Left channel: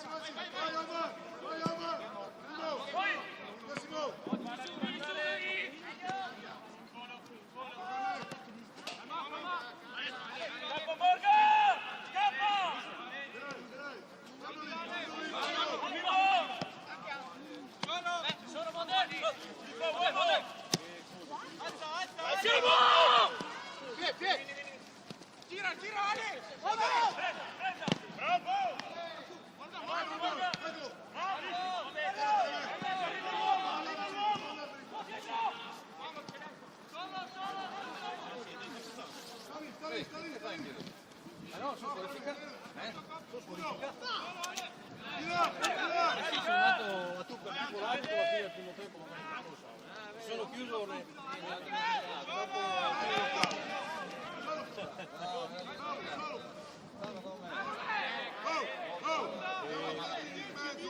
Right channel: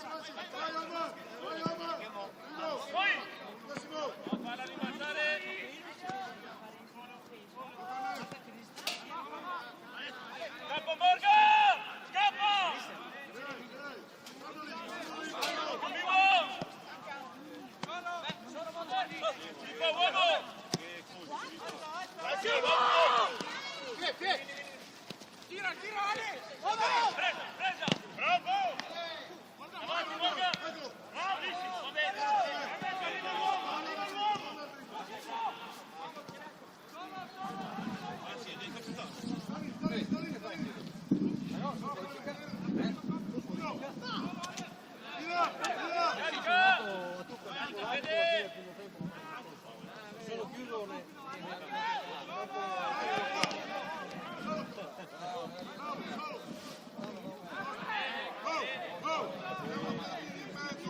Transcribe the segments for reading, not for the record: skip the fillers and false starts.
Vai Omar! Uno! Massimo! Scappa Morgan! Scappa! Dai! Fallo lì! Sono Mondolfi! Uomo! Vai piedi! Tira Ale! Presa! Bravo! Eccolo! Sono chiuso dopo Andiamo avanti in mezzo,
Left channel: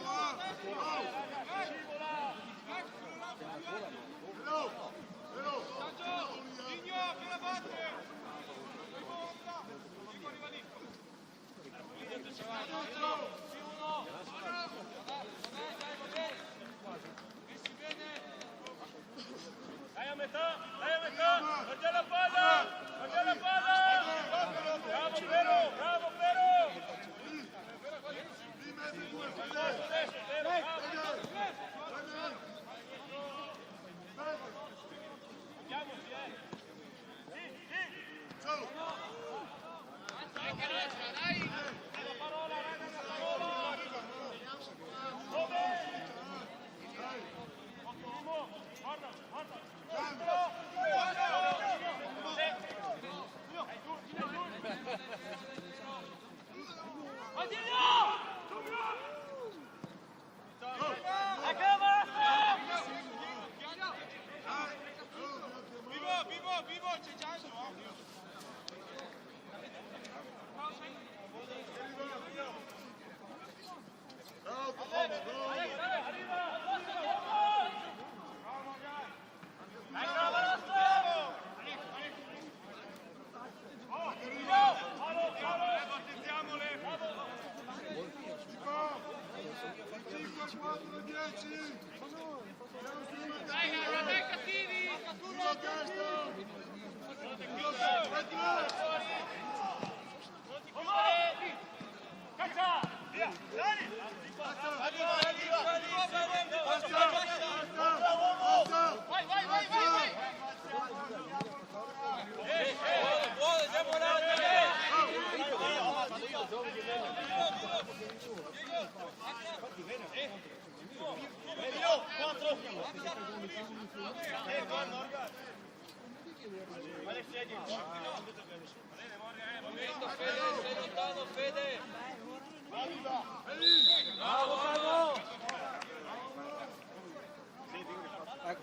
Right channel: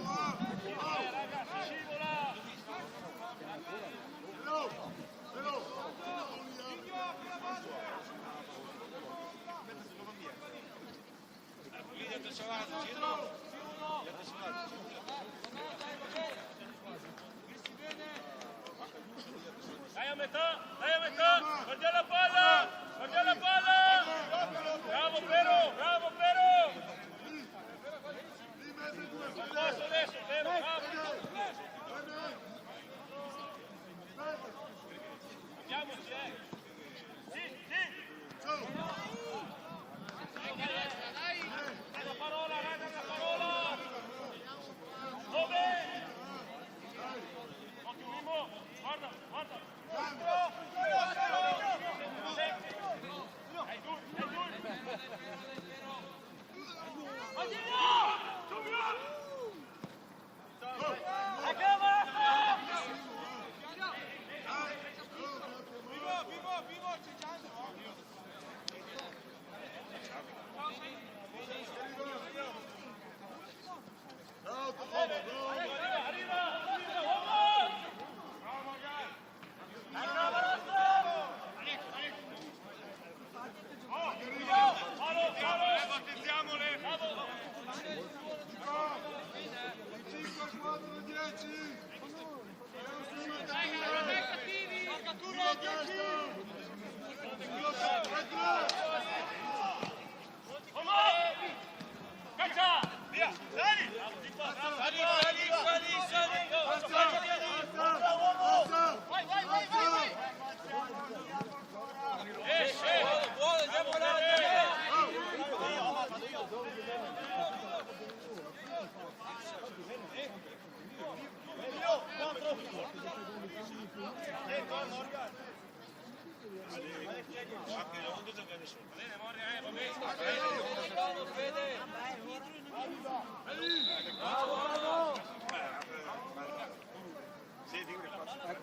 Però, subito lì, Dai a metà! Guarda la palla! Bravo Piero! Lì in mezzo ai due, Fede! Ciao!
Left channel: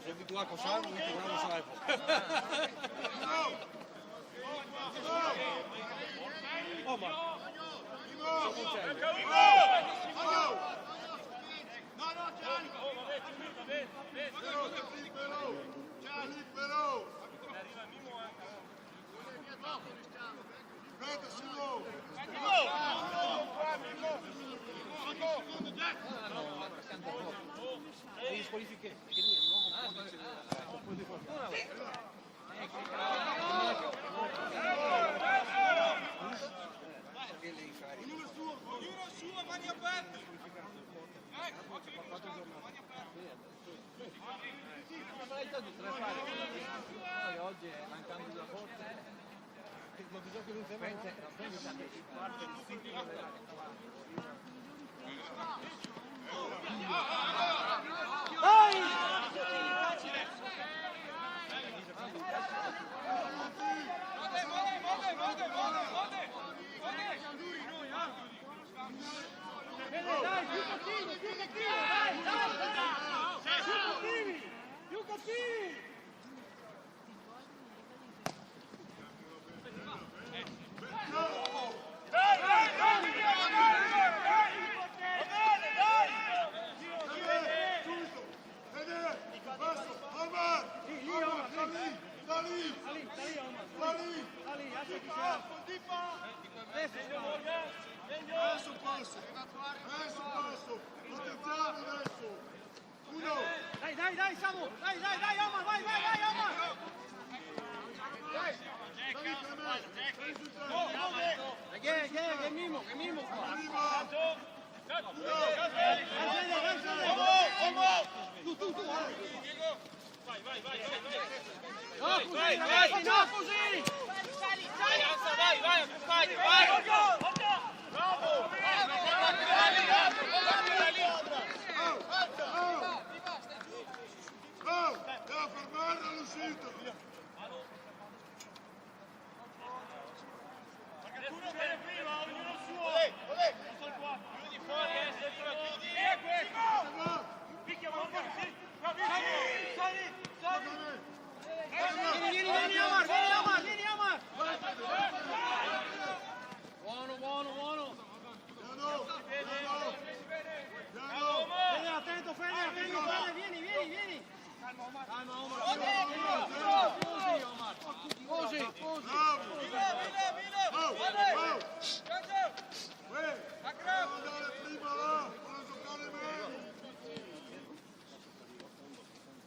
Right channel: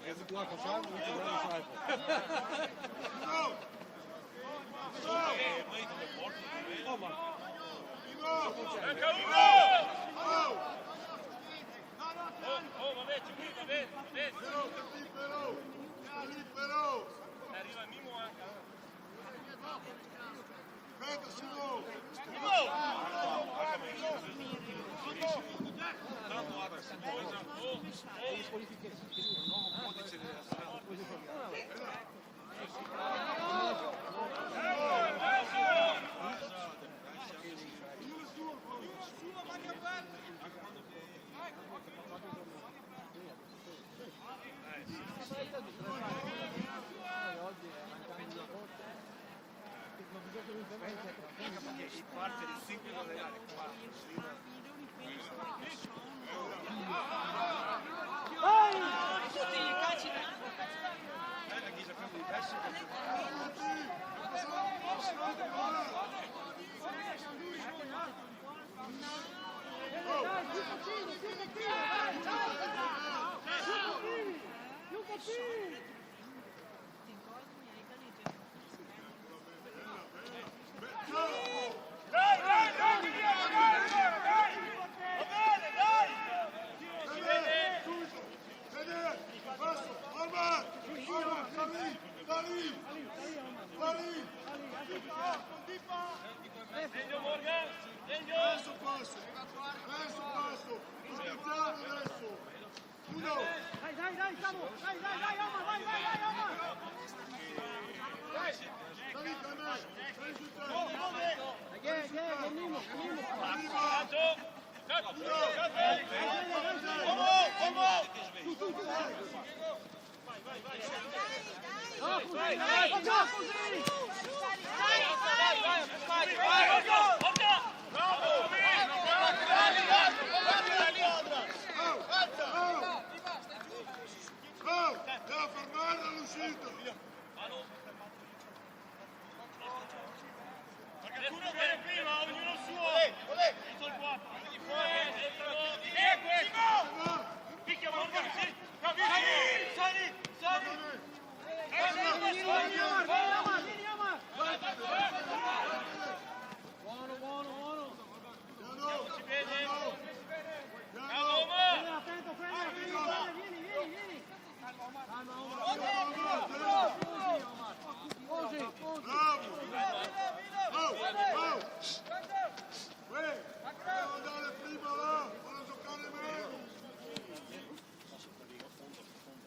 Heb ik lachen samen, moet je wel zuipen. Oh man. Aspetta, Simo! Adesso passo. Adesso passo. Attenziamo adesso. Uno. Dai, Samu! Dai, Omar, vai, Omar! Sali con me. Sali sul tempo. Che mimo! Arriva. Uno. Oh, deve fermare all'uscita. Nessuno viene qui, va ognuno suo. Chiudi fuori, chiudi. Va. Picchia, Morgan, sì. Vieni, Omar! Fede, attento, Fede, vieni! Così! Devo andare prima là, voglio giocare meno.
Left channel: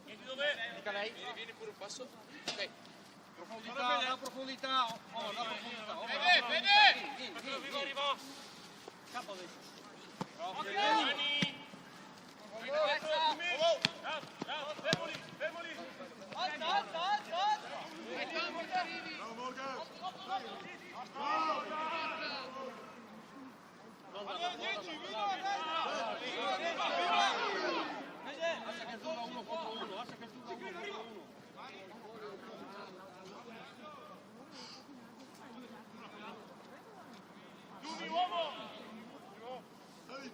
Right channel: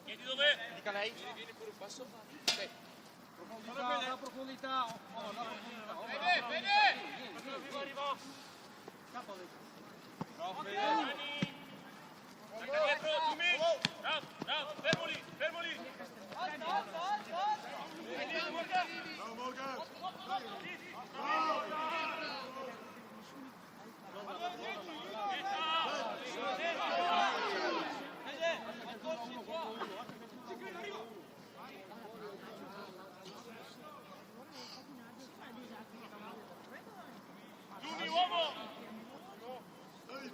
Chiedi dov'è? Dica lei. Profondità! Fermoli! Bravo Morgan. Bravo. Chiudi uomo! Sali,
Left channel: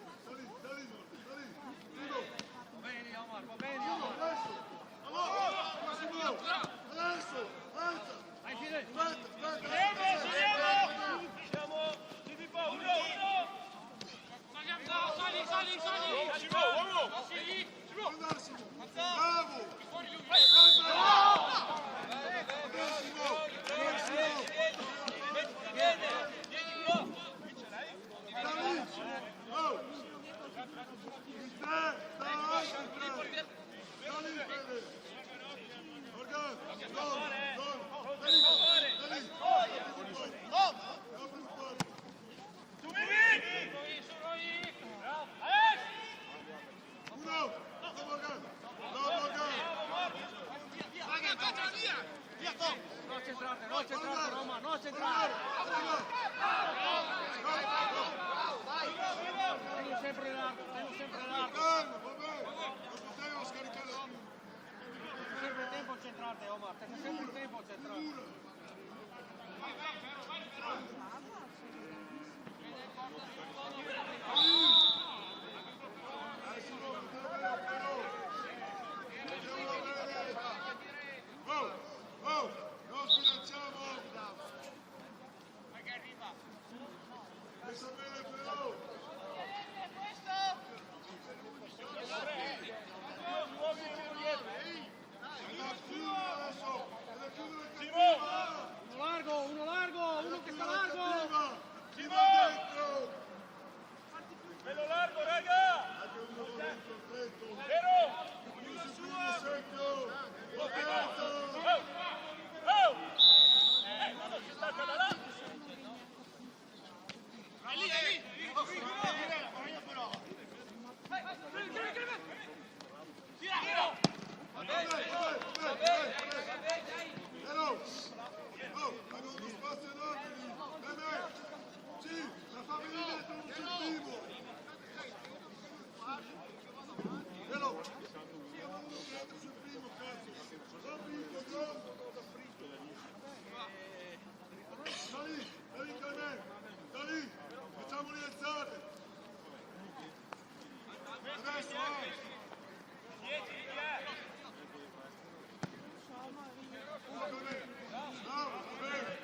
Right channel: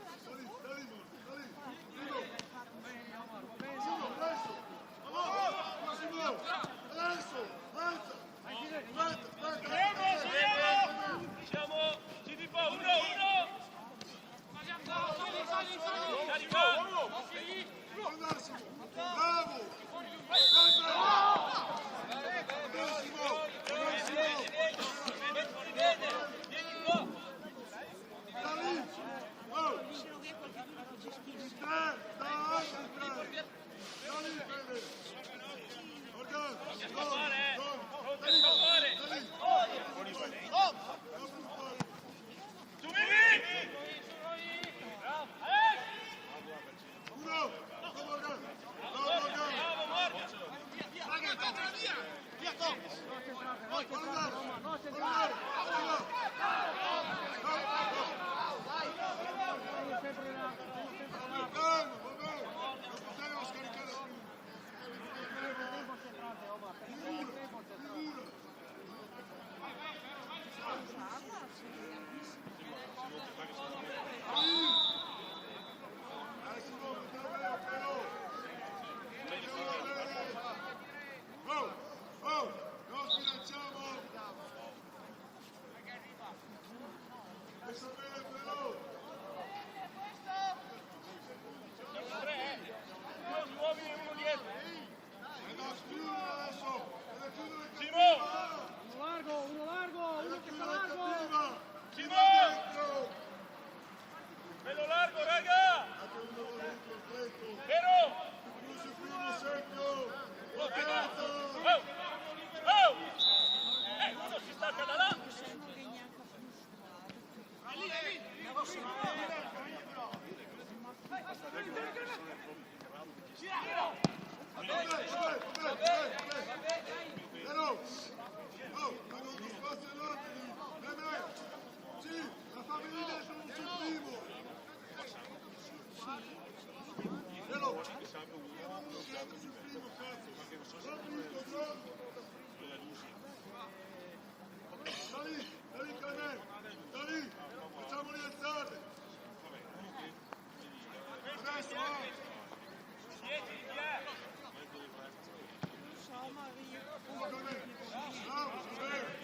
Morgan, sali. Uno, adesso. Massimo, adesso, alza. Aspetta. Ci di qua, uno! Massimo, bravo. Massimo. Sta lì. Oh. Il 3, sta anche il 3. Sta lì, Fede. Morgan, Don. Sta lì. Apri un po'. Uno. Bravo Morgan. Calma, va bene. Non potevo scaricare prima. Figura. Massimo, vediamo però. Vediamo bene. Oh, non sbilanciamo. Messa bene però. È da chiudere adesso. È da chiudere cattiva. Uno largo! È da chiudere cattiva. Chi va dentro? Bello largo, raga! Anche uno va dentro stretto. Vero? Uno sul primo secco. Potenza. Uno si stacca da là! Vabbè. Però. Oh, hanno uno spazio enorme lì. Sì, la famiglia dentro non c'è il primo. Però. Siamo uno che entra sul primo, cazzo. Non vinto, John. Sta lì, Clemente. Sta lì. Facciamoli alzare. Adesso, Bravo, va bene.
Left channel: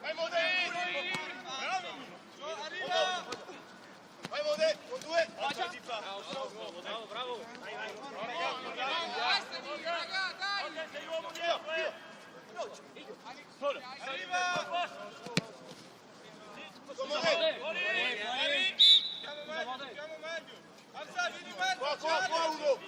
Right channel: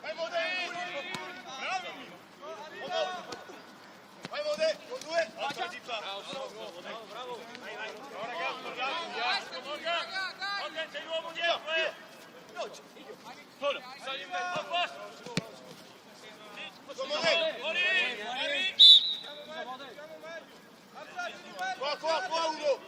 Vai Modè! Bravo! Vai Modè, con due. Bravo! C'è l'uomo dietro, Solo! Qua uno.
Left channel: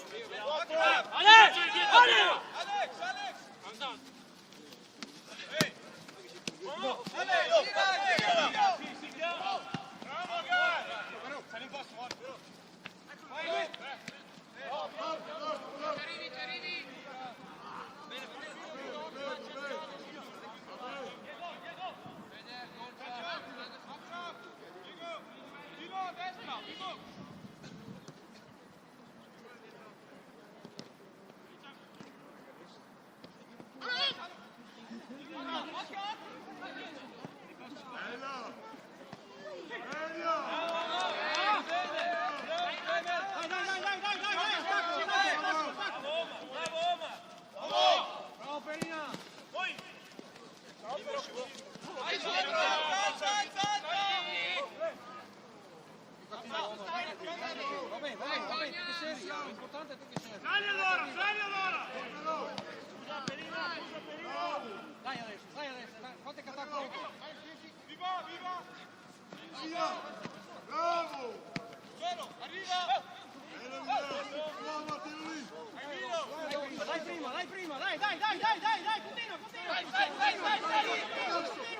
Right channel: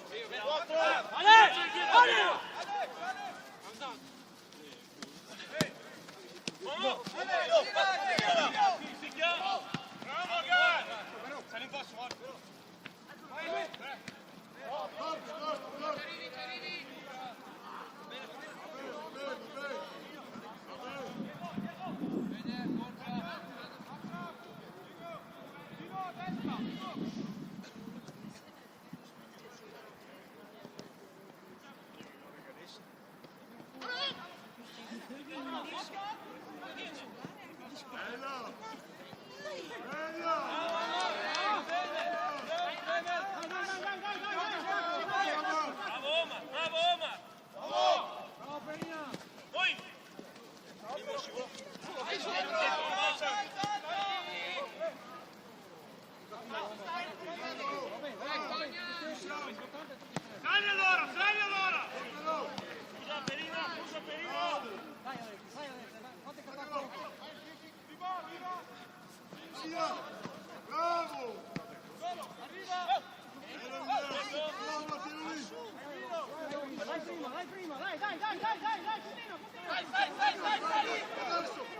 Bravo! Dai prima, dai, continua. Adesso!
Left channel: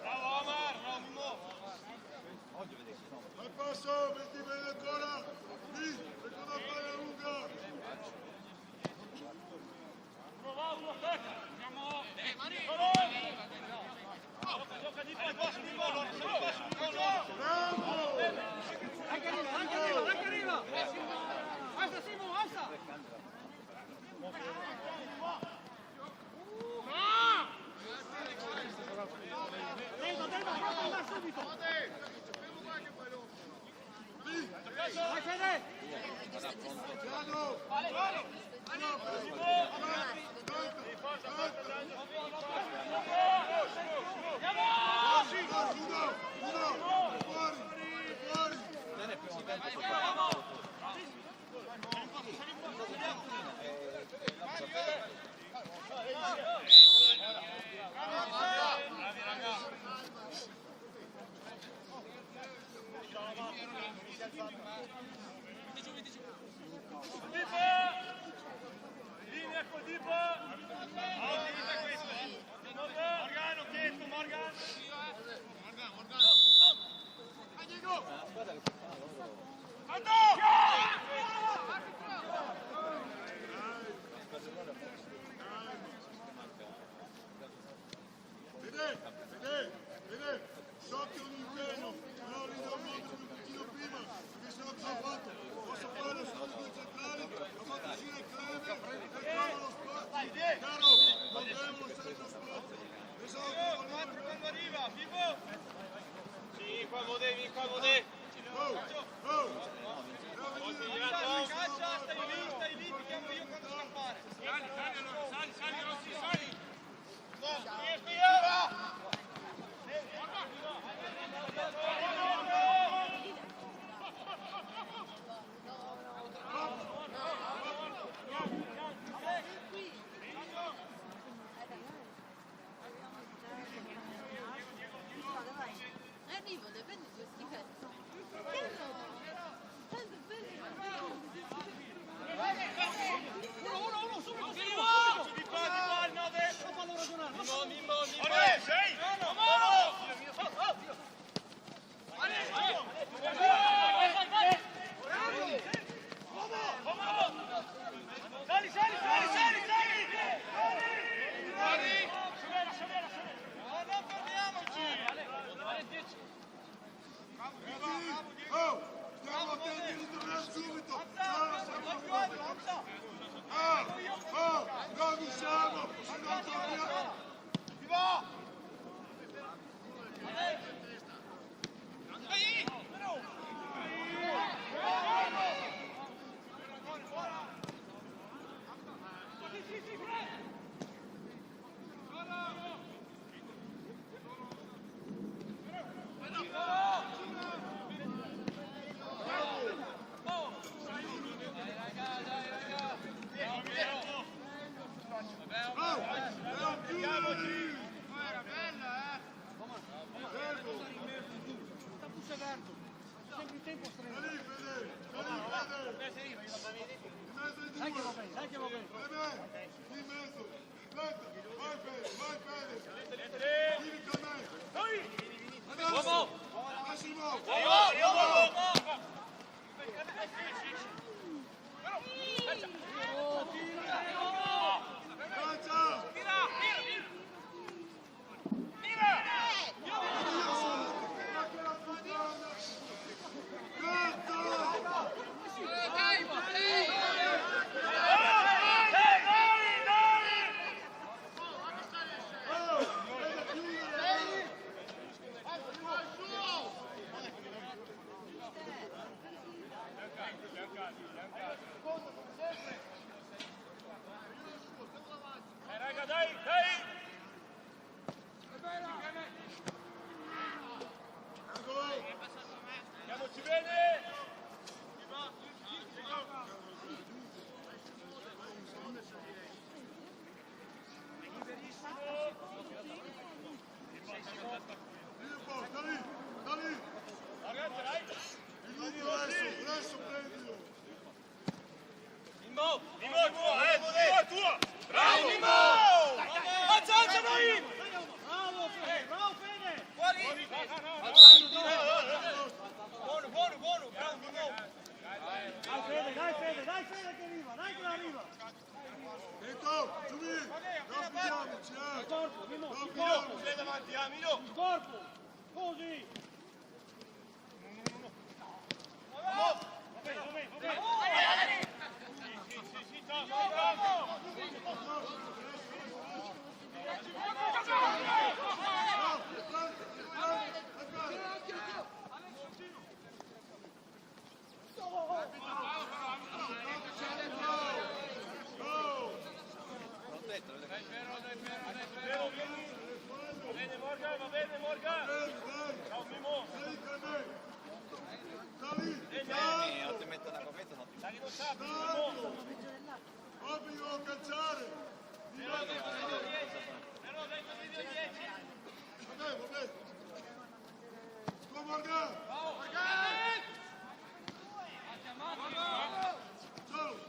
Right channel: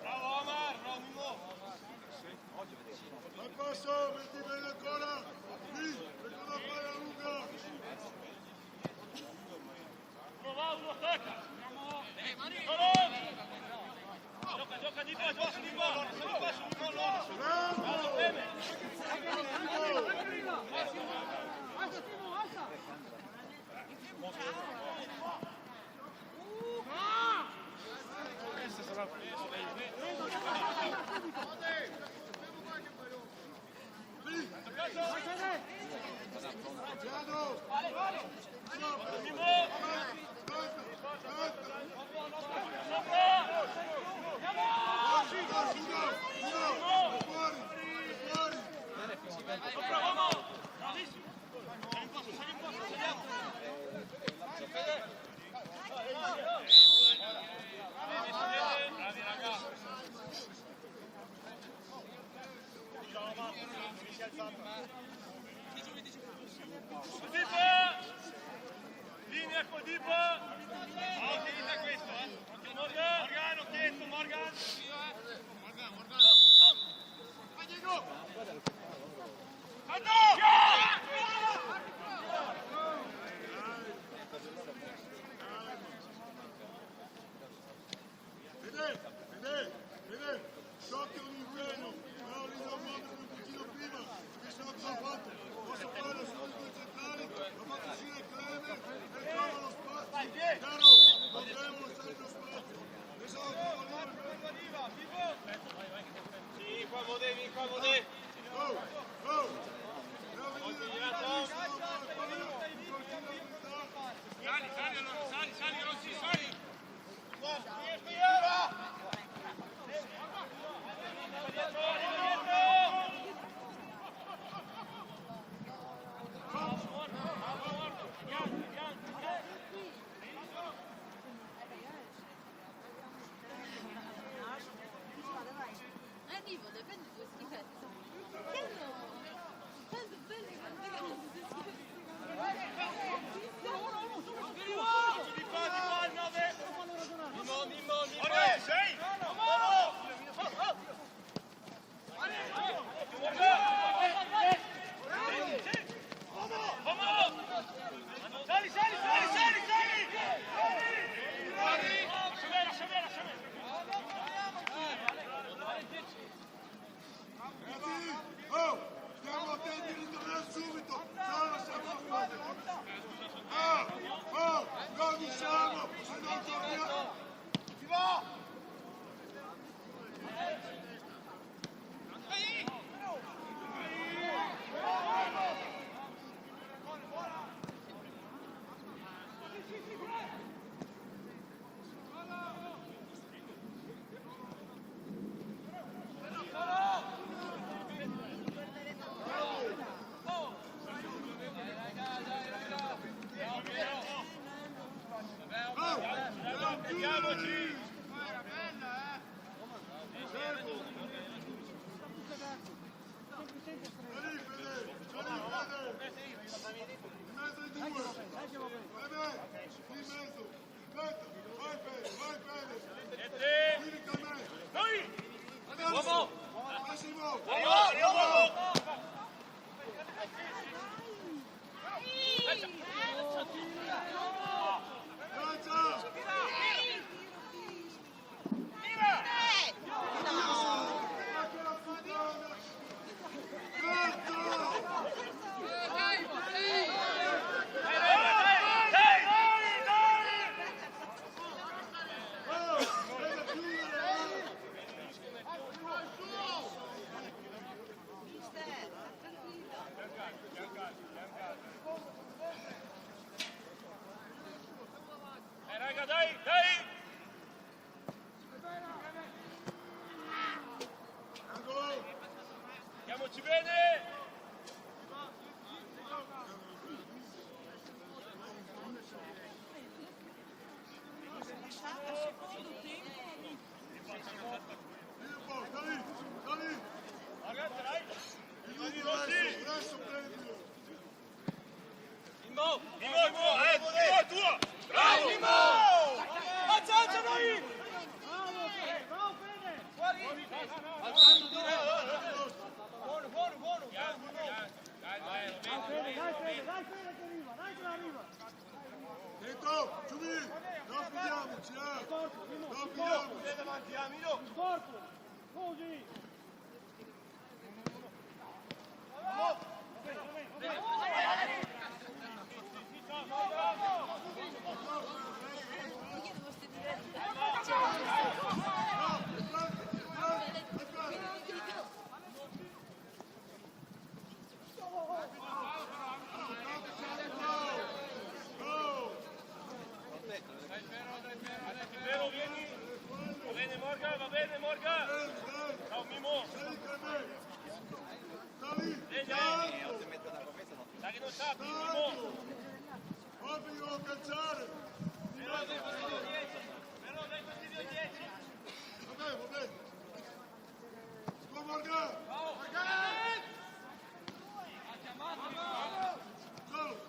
Bravo Omar, bravo Mimmo! Al passo, metti bene ancora! Lì, seconda palla lunga! Uno, tocca! Gioca di qua su Mimmo, loro! Sei qua su Mimmo, loro! Bravo! Alza Simo, alza! Piano! Bravi ragazzi! Linea con tipo! Ah, finita questo, Morgano, chiesto, Morgan! Vai Diego! Vede, so che è un impegno, però lì devo muovermi un pochino prima, perché sennò cosa ho fatto? Posso fare solo i due centrali, ho fatto uscire Cleme e trovo lo spazio. Caro, non devono stare lo spazio. Pensavo che volevo Sì, qua Modè! Oh! Devo venire prima lì, se no poi palla, in continuità. Sali, Rossi, sali! Arrivo, le prendo due schifezze. Perché no? Tanto belle Di qua, il 9! Mimmo! Sei! Sali! adesso! Massimo! Lancia! Oddio santo! Ma che la puttana! Cazzo! Oh! È da chiudere! Raga, dai, dai! Angolo! Andiamoci bene! Vieni un po', sta lì! Sta lì! Ragazzi, dai! Il numero adesso prendilo! Mimo è tuo, è tuo! Bravo! Mimo! Alza noi! Bravo Fede! Alzando di là! Buono, bravo Mimo! Dai Fede che arriva, dai che arriva! Dentro, Giumi! Non fidiamoci, Non fidiamoci! Davanti, Mino! Corpo! Così! Va bene, Morgan! Ciao, Mimo! Dai, non sa, Mimo! Obbligo a calciare! Però dai fastidio 10! Vabbè! Go Morgan! Ha chiamato! Solo!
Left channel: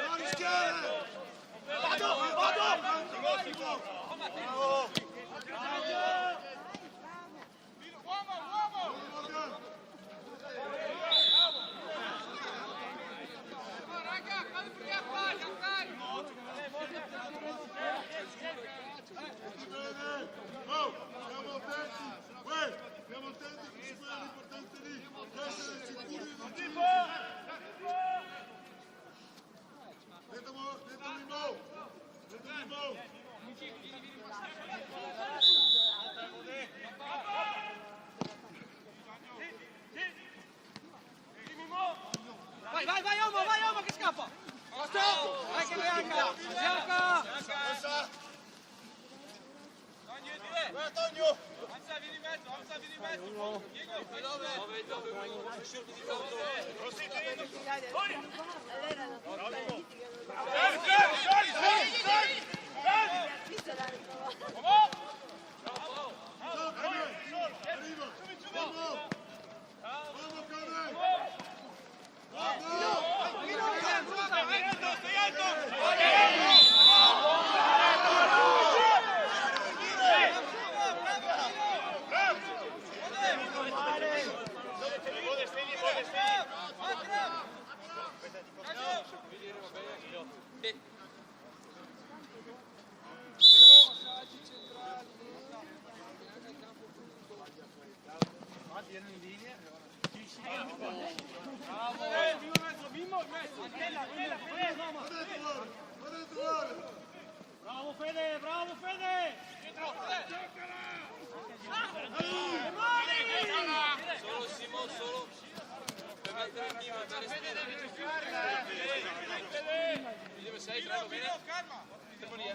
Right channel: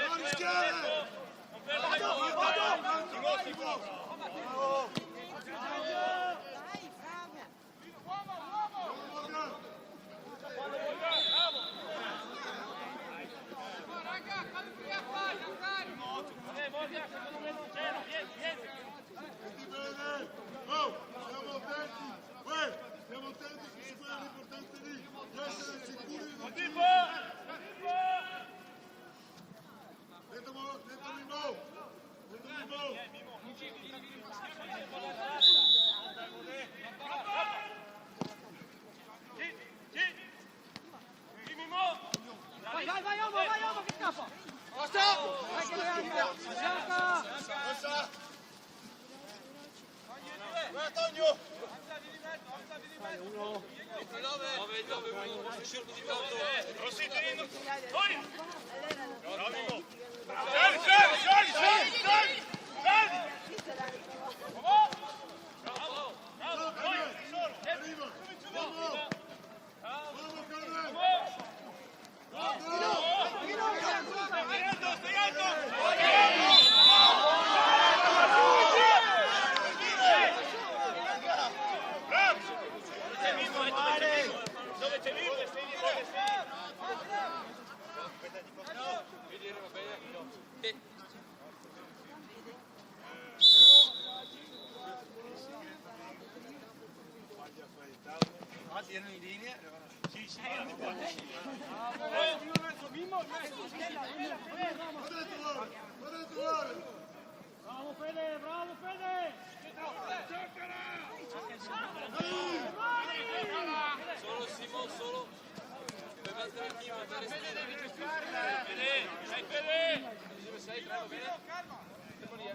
Non rischiare! Senti bene! Oh, siamo attenti! Uè, stiamo attenti su quella l'importante lì, di essere sicuri di non ci... Dentro Mimo! Vai, Omo che scappa! Rossa! Vai, Antonio! Arriva! Vamos, Carmen! Stai alto! Va dentro, ora! Bravo Fede! Solo Simon, solo per mettere il Mimo, per Fede devi toccarla, Dove sei? Fermo bene? Fermo lì,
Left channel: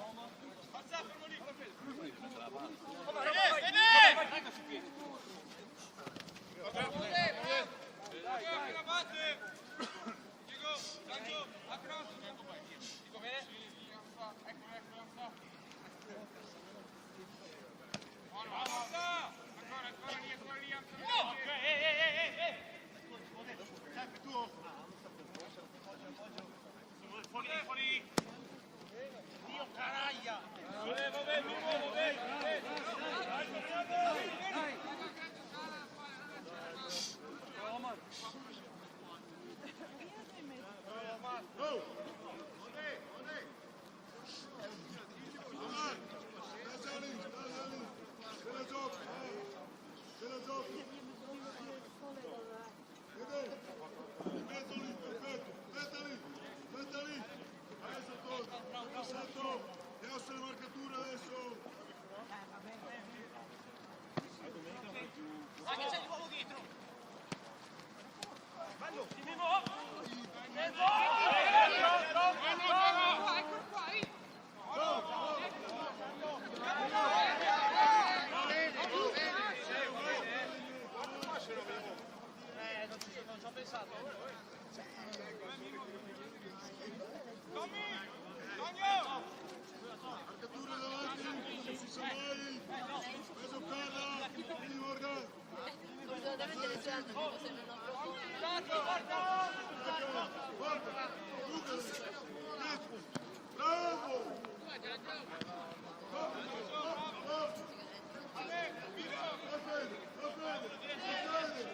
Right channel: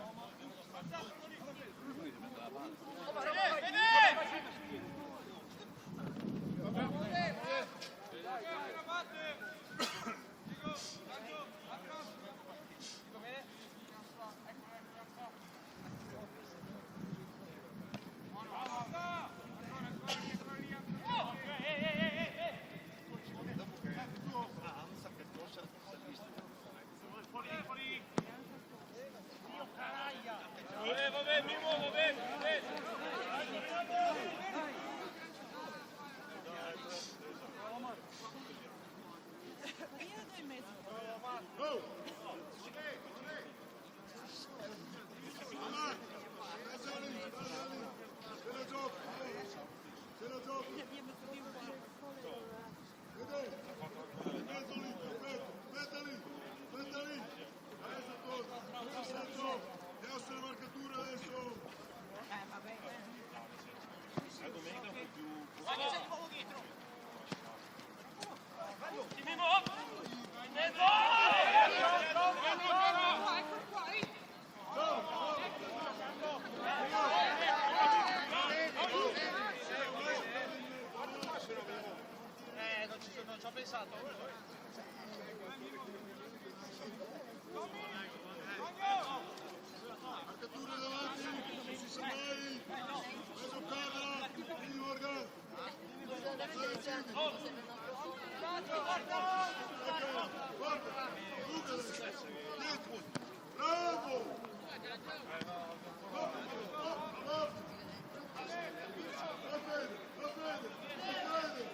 Marcatura davanti, non si sa mai. Vai a giocarla, quindi Morgan. Forza, Lucas, dietro, bravo! Va bene, va bene, va bene!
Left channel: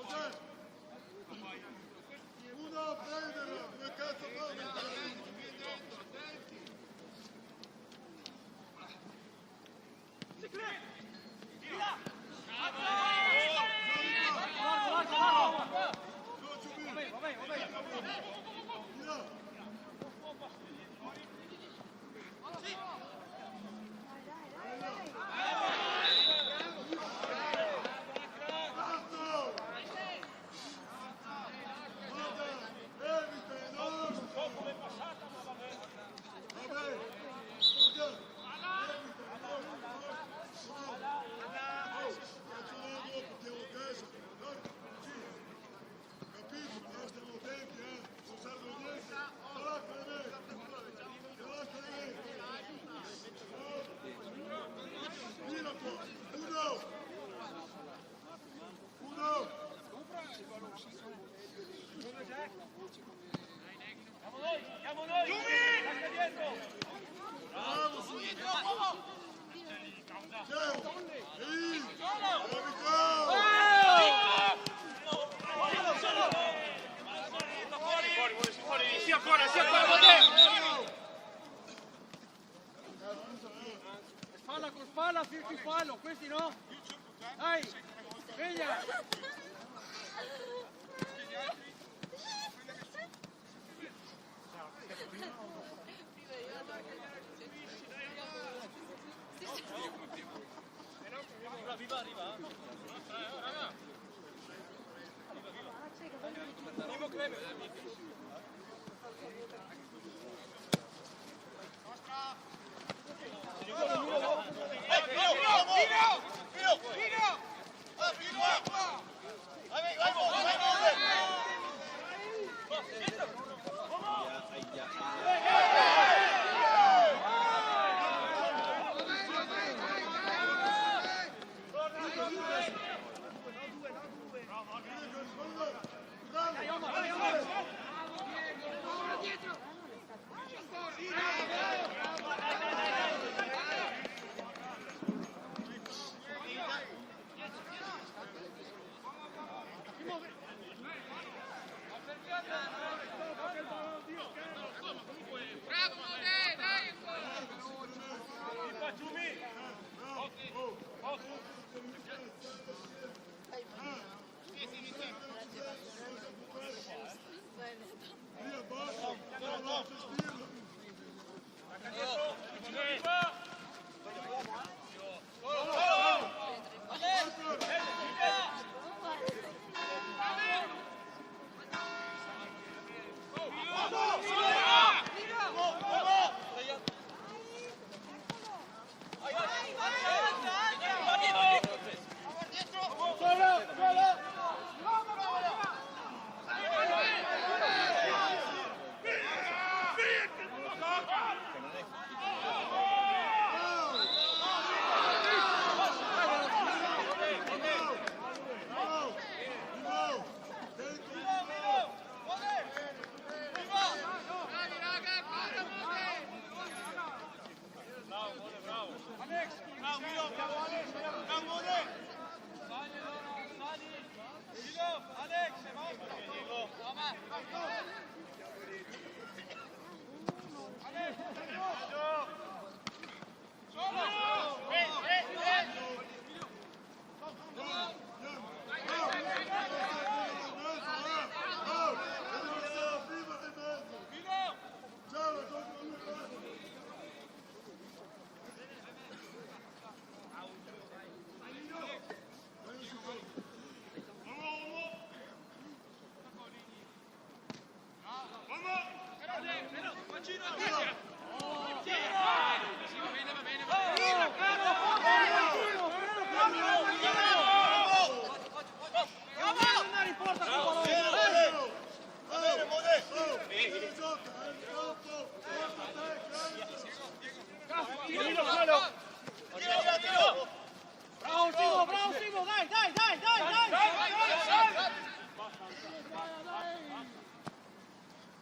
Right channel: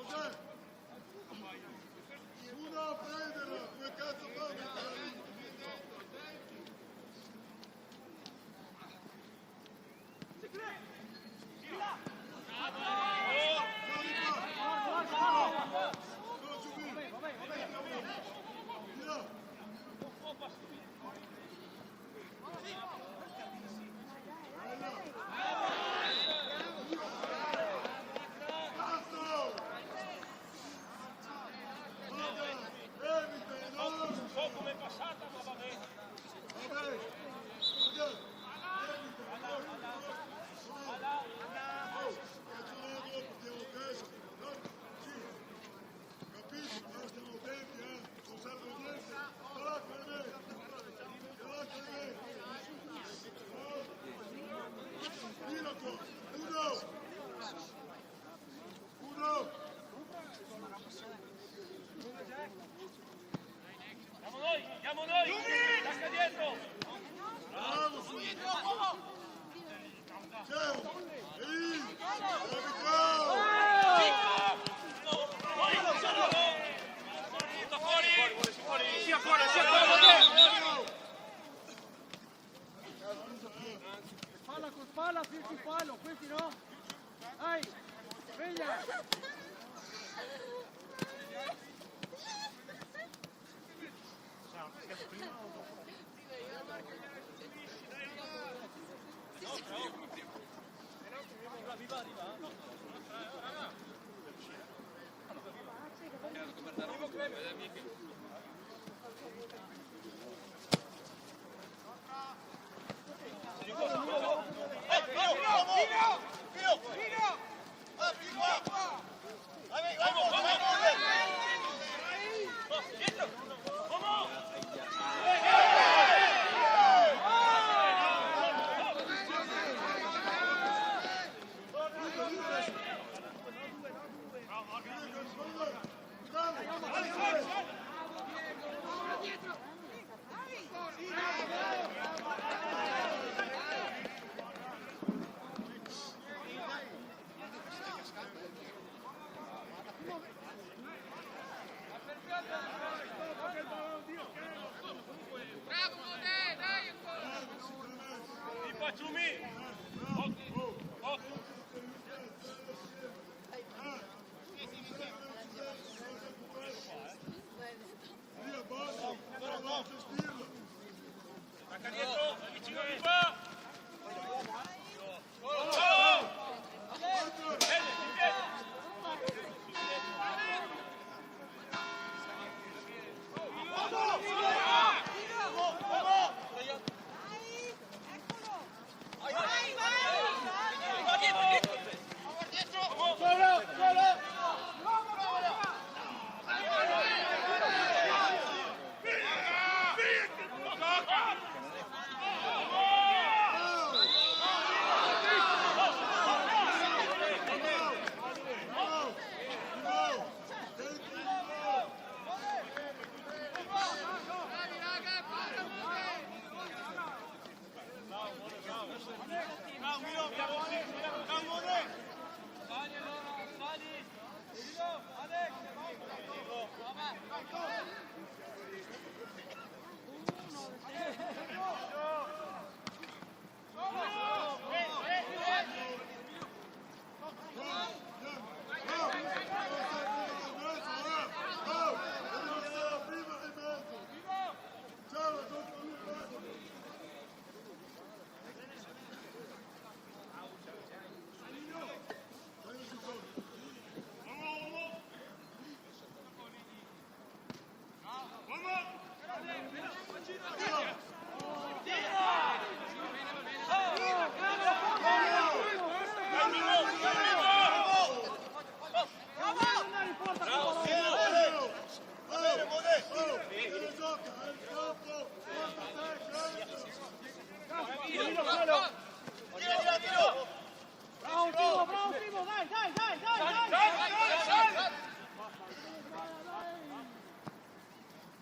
Cos'è? Uno a prenderla, come cazzo fa a metterla lì? Spalla, firti fallo, questi no? Dai, sveglia!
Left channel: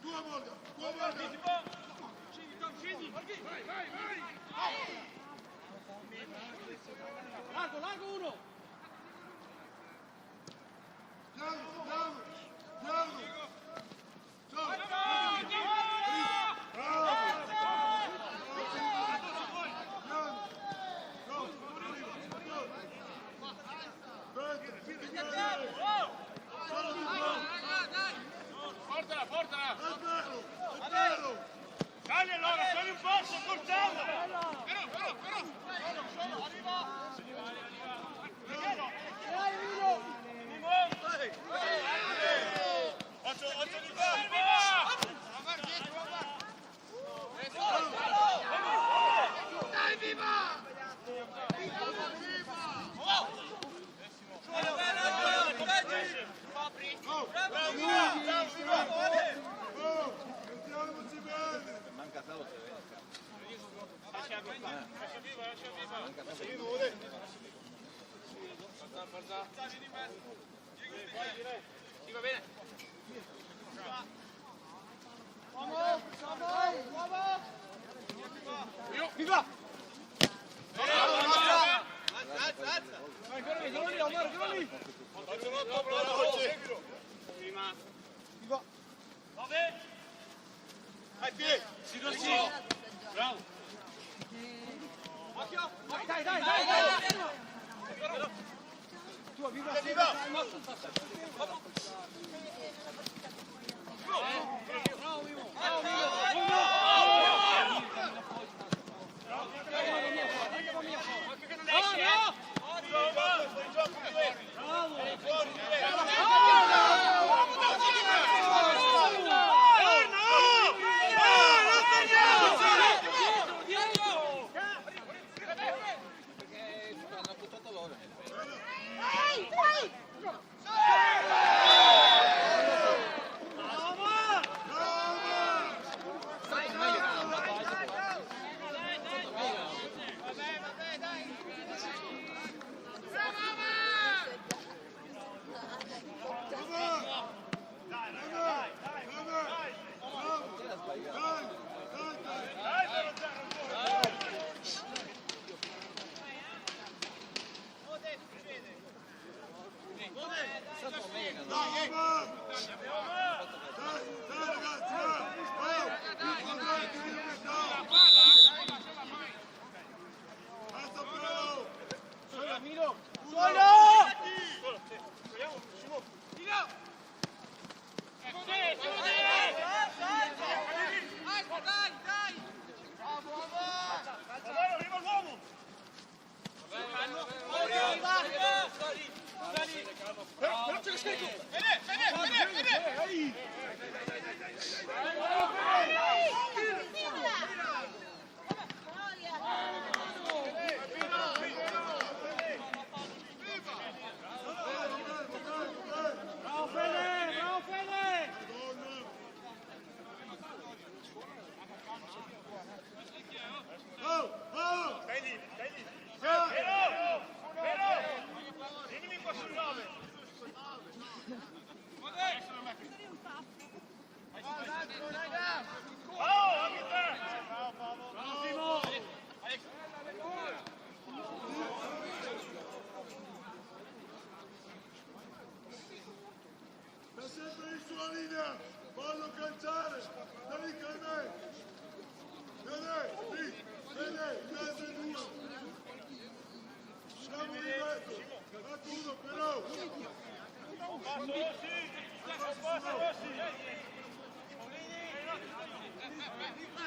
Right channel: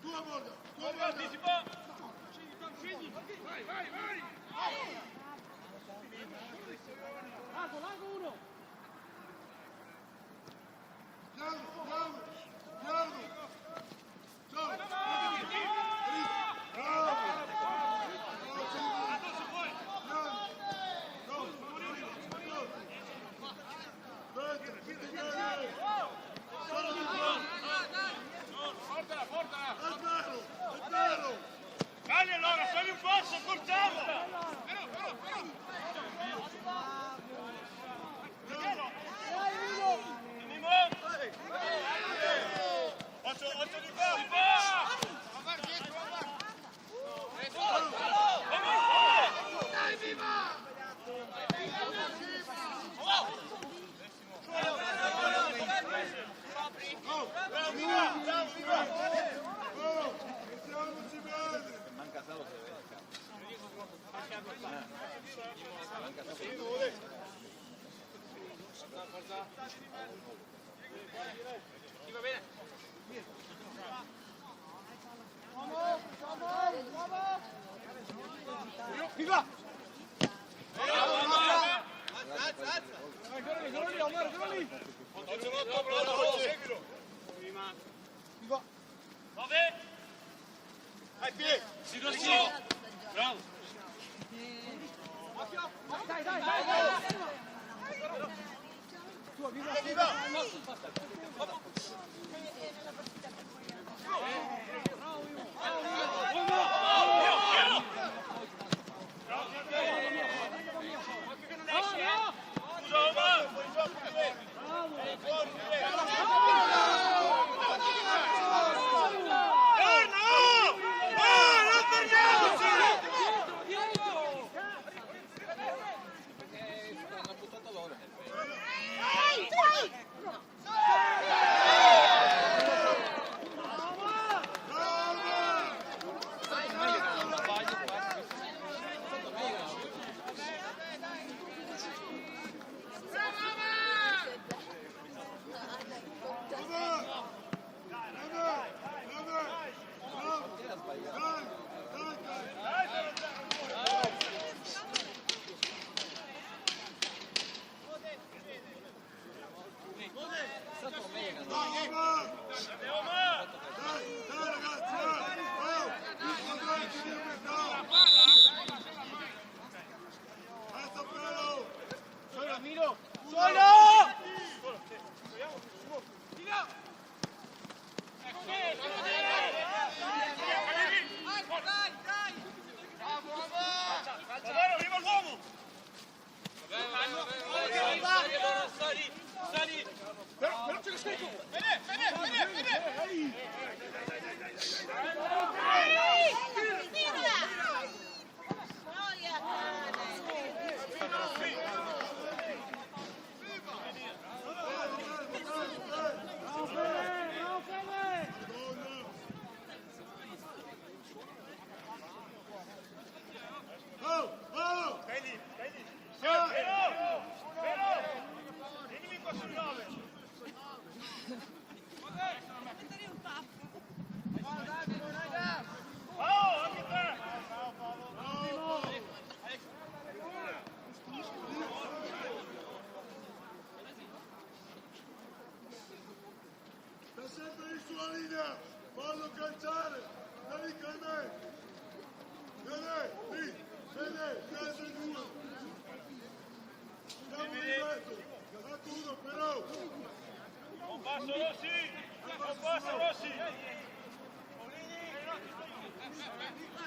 Tua Morgan, tua Morgan. Vai, vai, vai! Largo, largo uno! Piano, piano, piano. Ciao. Bravo. Piano. Ciao, aspetta, senti bene. Solo di qua. Portala, portala! È vero. Dai allora, fai un passo, cortiamo! Occhio di qua! Avanti, dietro, avanti! Dai, viva! Oh, Bravo, viva! Bravo, viva! oh, mettiamoci bene. Manca solo se vede. Manca solo. Sì, va bene? Viva! Bravo, Omar! Alza, alza! Eccolo lì, Omar, eccolo lì! Seguilo! Viva! Ai piedi! Bravo! Dai, dai, dai! Tua, viva, viva! Hanno buttato loro nel pelo. Sotto me che erano sotto me che erano era sbagliato. Sotto me che erano Dai ragazzi, oh, il quadrante di metà. Alza pelo. Solo, Mino! Solo! Però ce ne sconto! Oh, oh! Stai lì! Sai! Vieni qua sul 9! Oh, anche te! Sta sempre in sua linea, fallo calciare, dai con me. Bene, lì, bene, in mezzo ai due. Siamo in mezzo, ecco uno però. Un passo Rossi!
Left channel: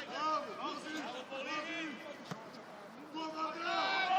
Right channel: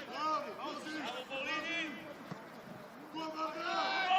Bravo, così, così. Tua Marga.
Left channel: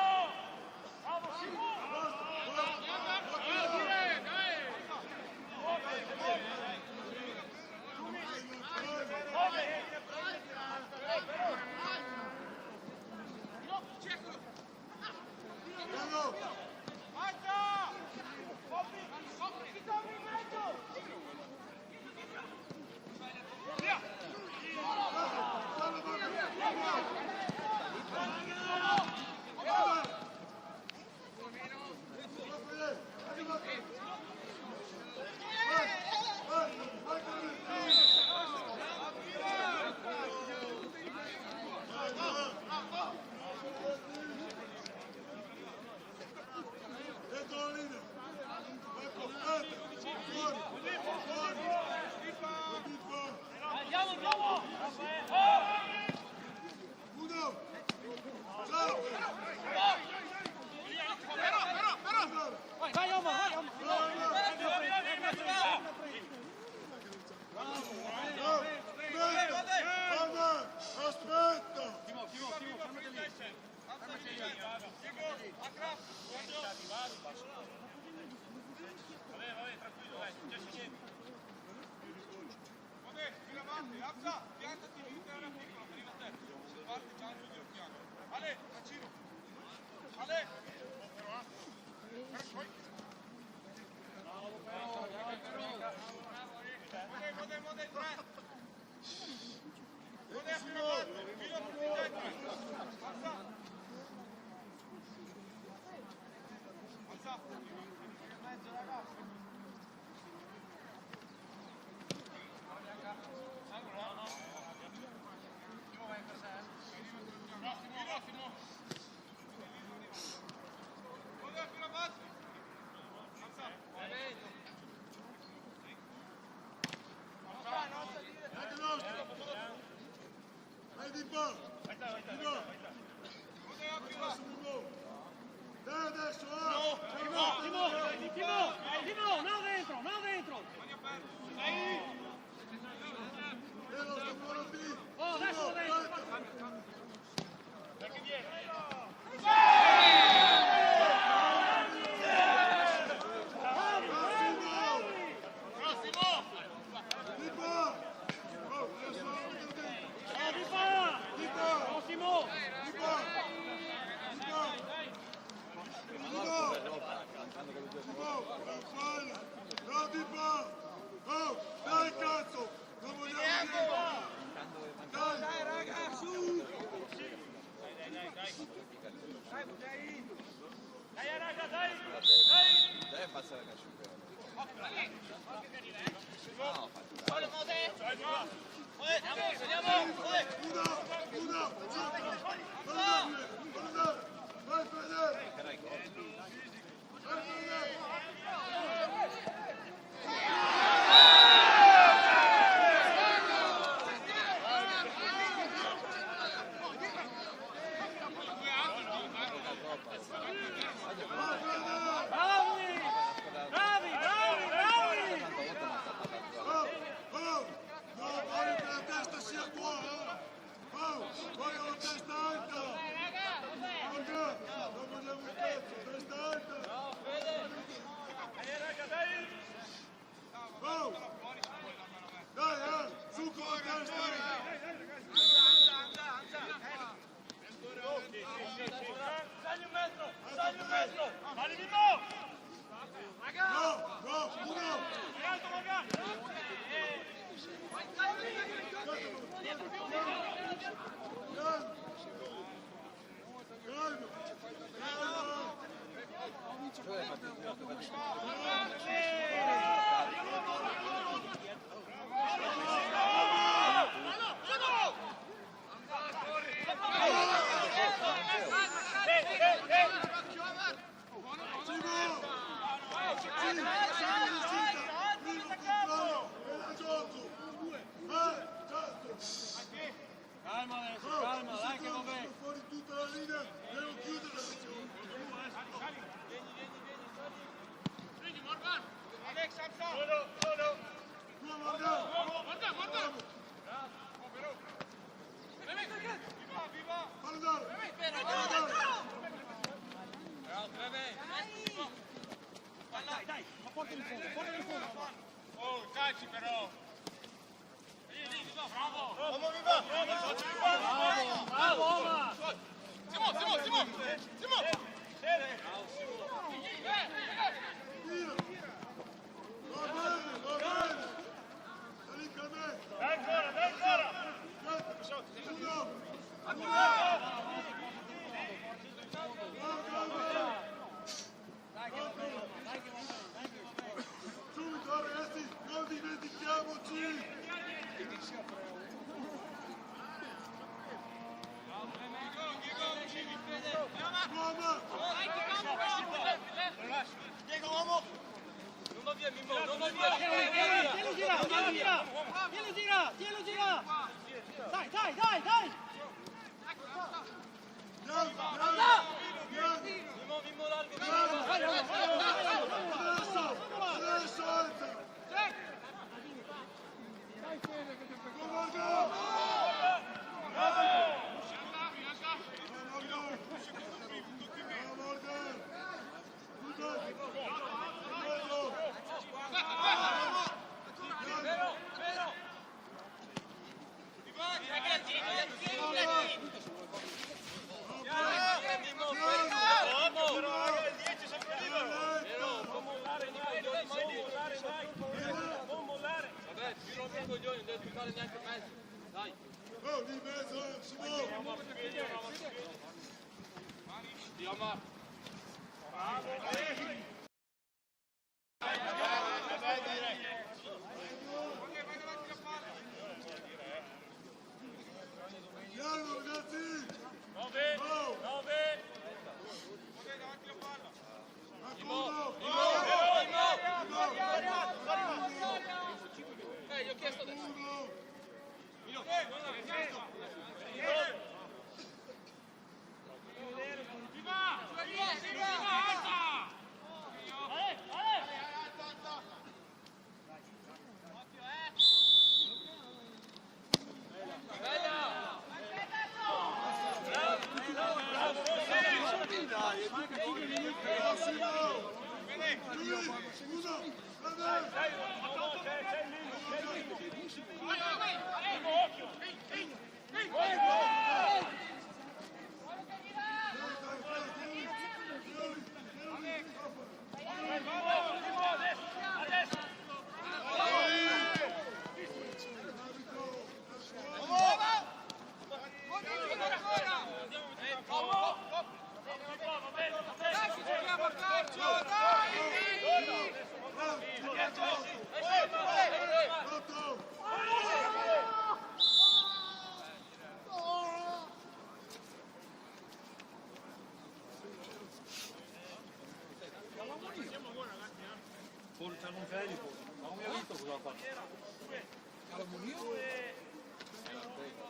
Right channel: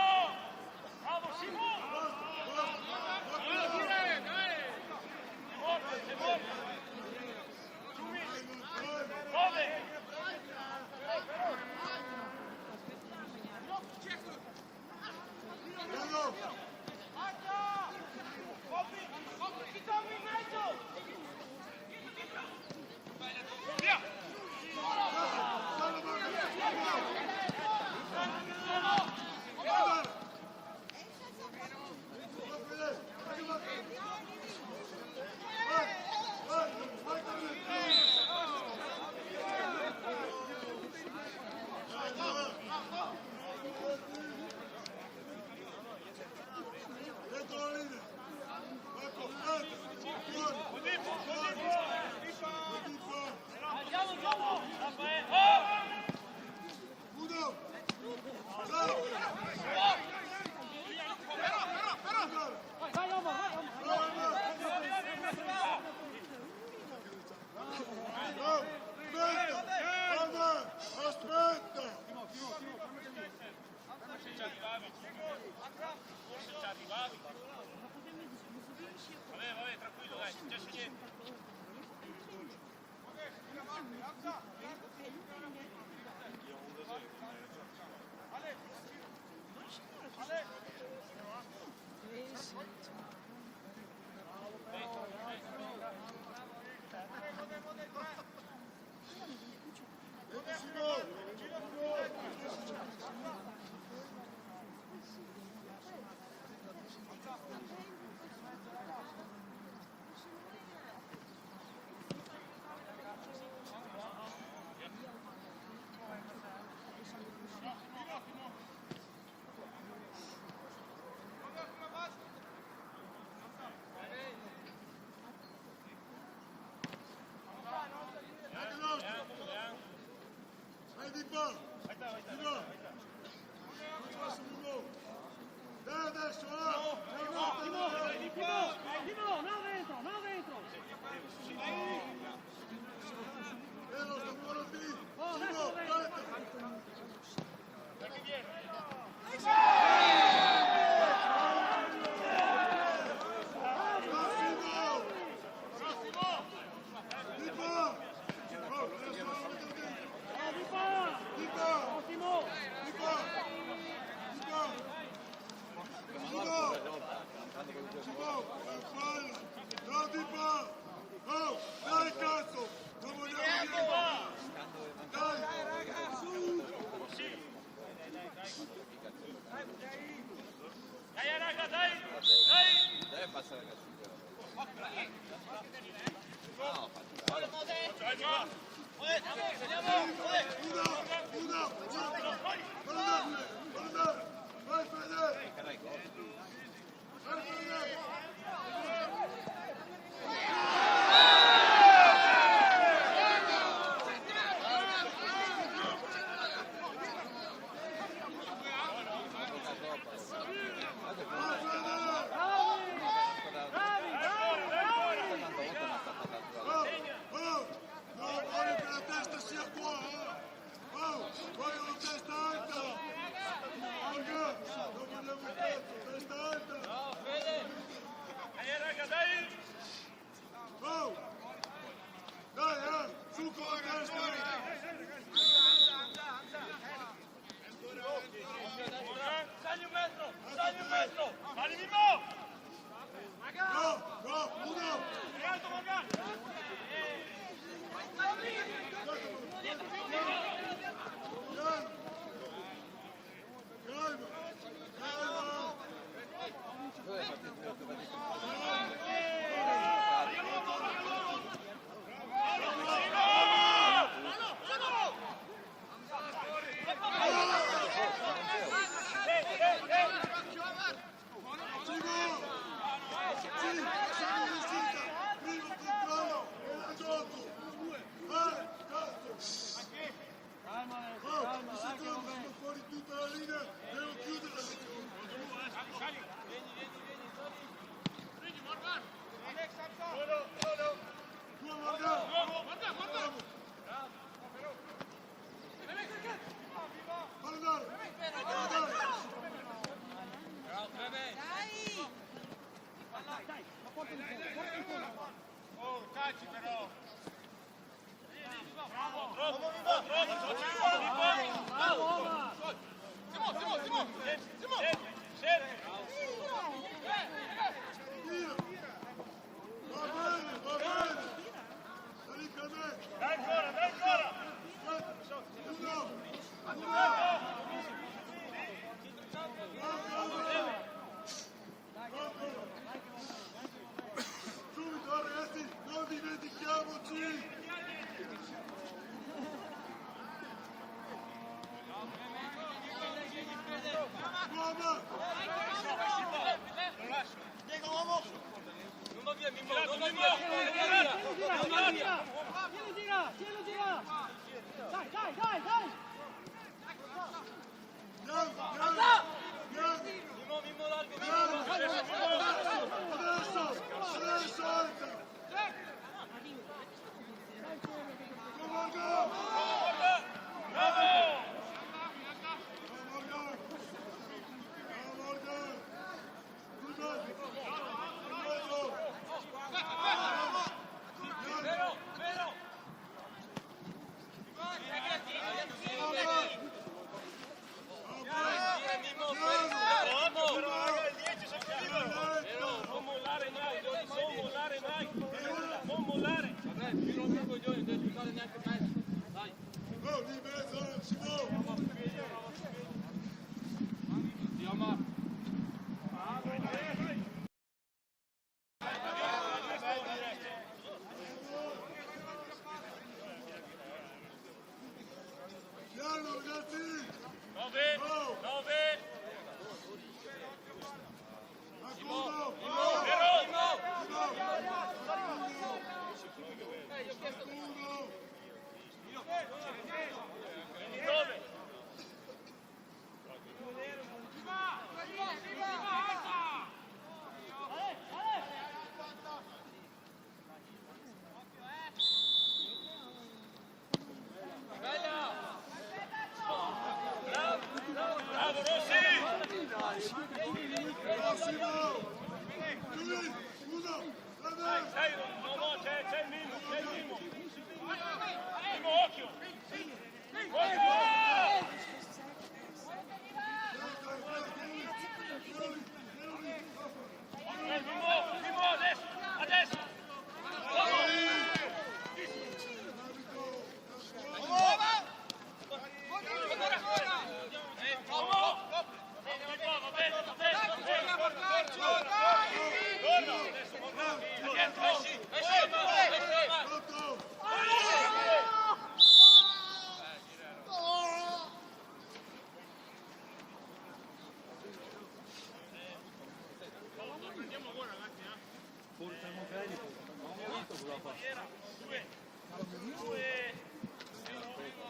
va, ti va. Non faccio Mimmo. Dai adesso, Timo, no dentro. Vero, sto buono lì. Timo, aspetta. Dai che viene. Dai cazzo! Non vogliamo Dai! Deve passare a calcio però. No, fatto un fallo. Uno! Vai Fede! Era il gol. Vai Fede! Voglio che la testa sia qua, voglio la testa alta! Morgan, non vogliamo un cazzo, testa alta! Dai, su con la testa! Dagli un metro! Vai Mimmo! No, uno! È alto Morgan! Un secondo, sono fuori tutta la linea, devo chiudere l'azione. Tua Morgan! Fallo andare! Bravo, Treve! Oh, calci però! Simo! Va bene! Sta lì con me! Dai ancora! Uno! Subito ragazzi, non dimentichiamoci! Uomo! Non va via Mimmo! Non va via! Tielo gira! Dai! Mimmo largo! Adesso alza! Morgan! Vabbè, più non mi coglioni, non devi fare neanche mezzo. Dai. Oh, lì in mezzo, Simone! Chiama. Piano ragazzi! 9! Acuno! Mimmo! Acuno!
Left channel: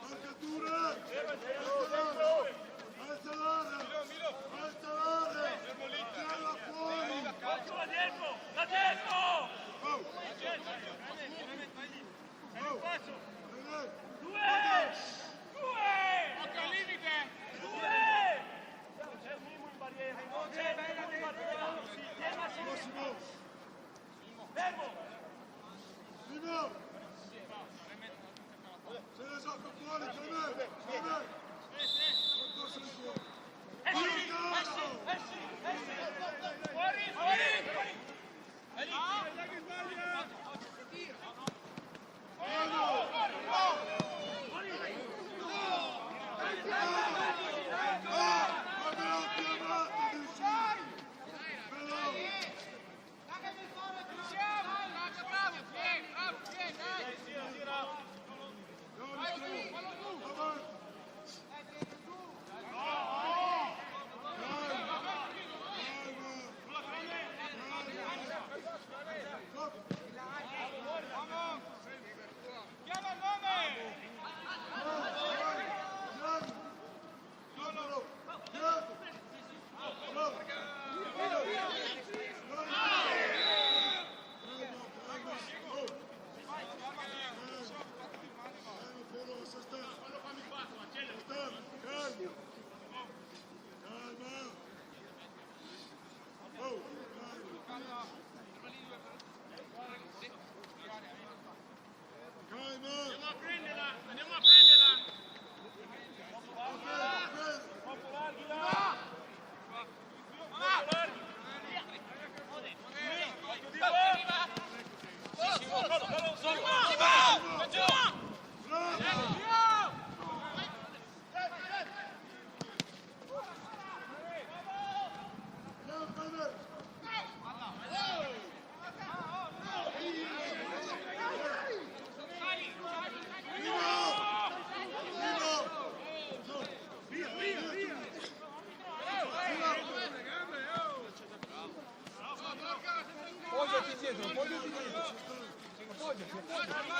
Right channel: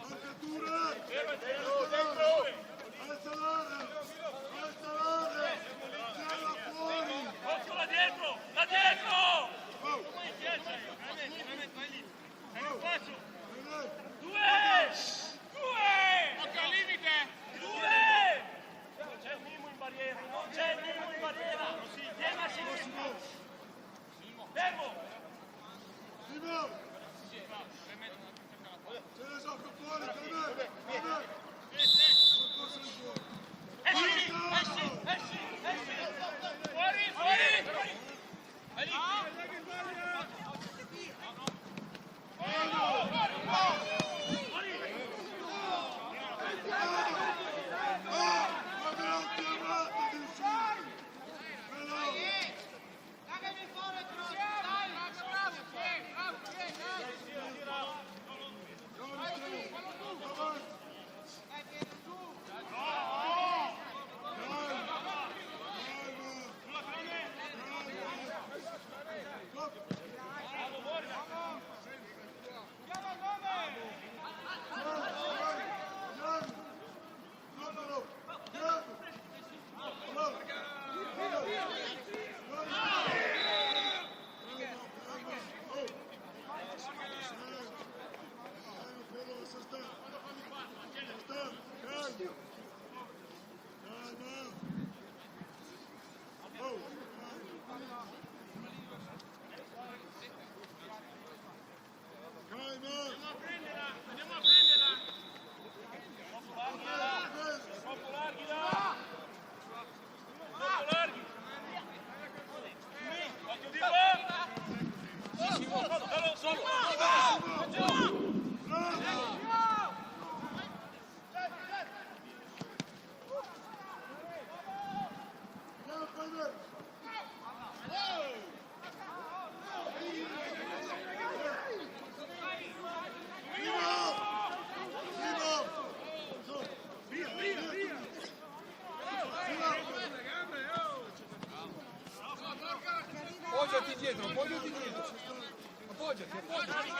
Marcatura! Alza l'area! Tira fuori! Là dietro! Là dietro! Oh! Due! Occhio al limite! Due! Non c'è il Mimo in barriera! Non c'è il Mimo in barriera! Vieni a Massimo! fermo! Simo! Se ne gioca fuori, Clemè! Non posso di fuori! Fuori! Fuori! Leghi sbaglia! Abbiamo chiamato di Bravo! Appoggiati dietro, appoggiati dietro. Appoggiati, appoggiati.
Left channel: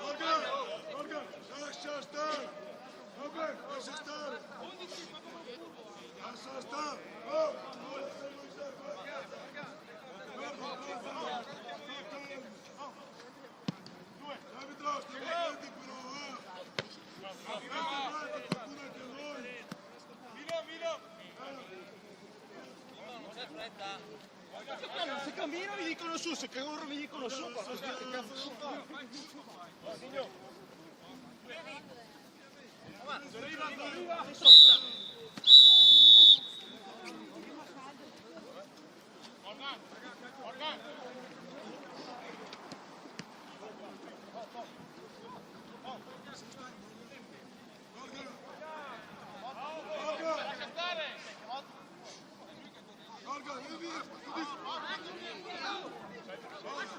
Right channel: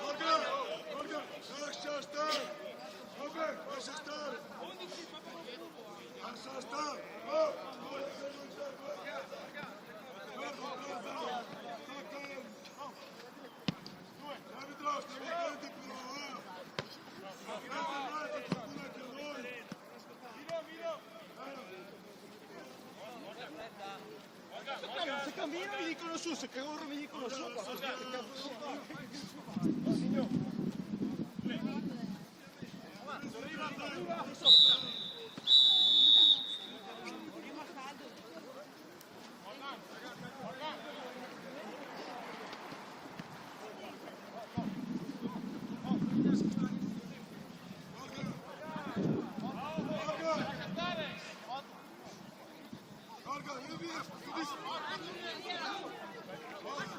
Morgan! Morgan, lascia stare! Vabbè, lascia stare! Lascia stare! Oh! Arbitro, stiamo attenti però, qualcuno anche noi! Se cammino mi dicono su, se corro mi dicono su. Morgan, vieni via!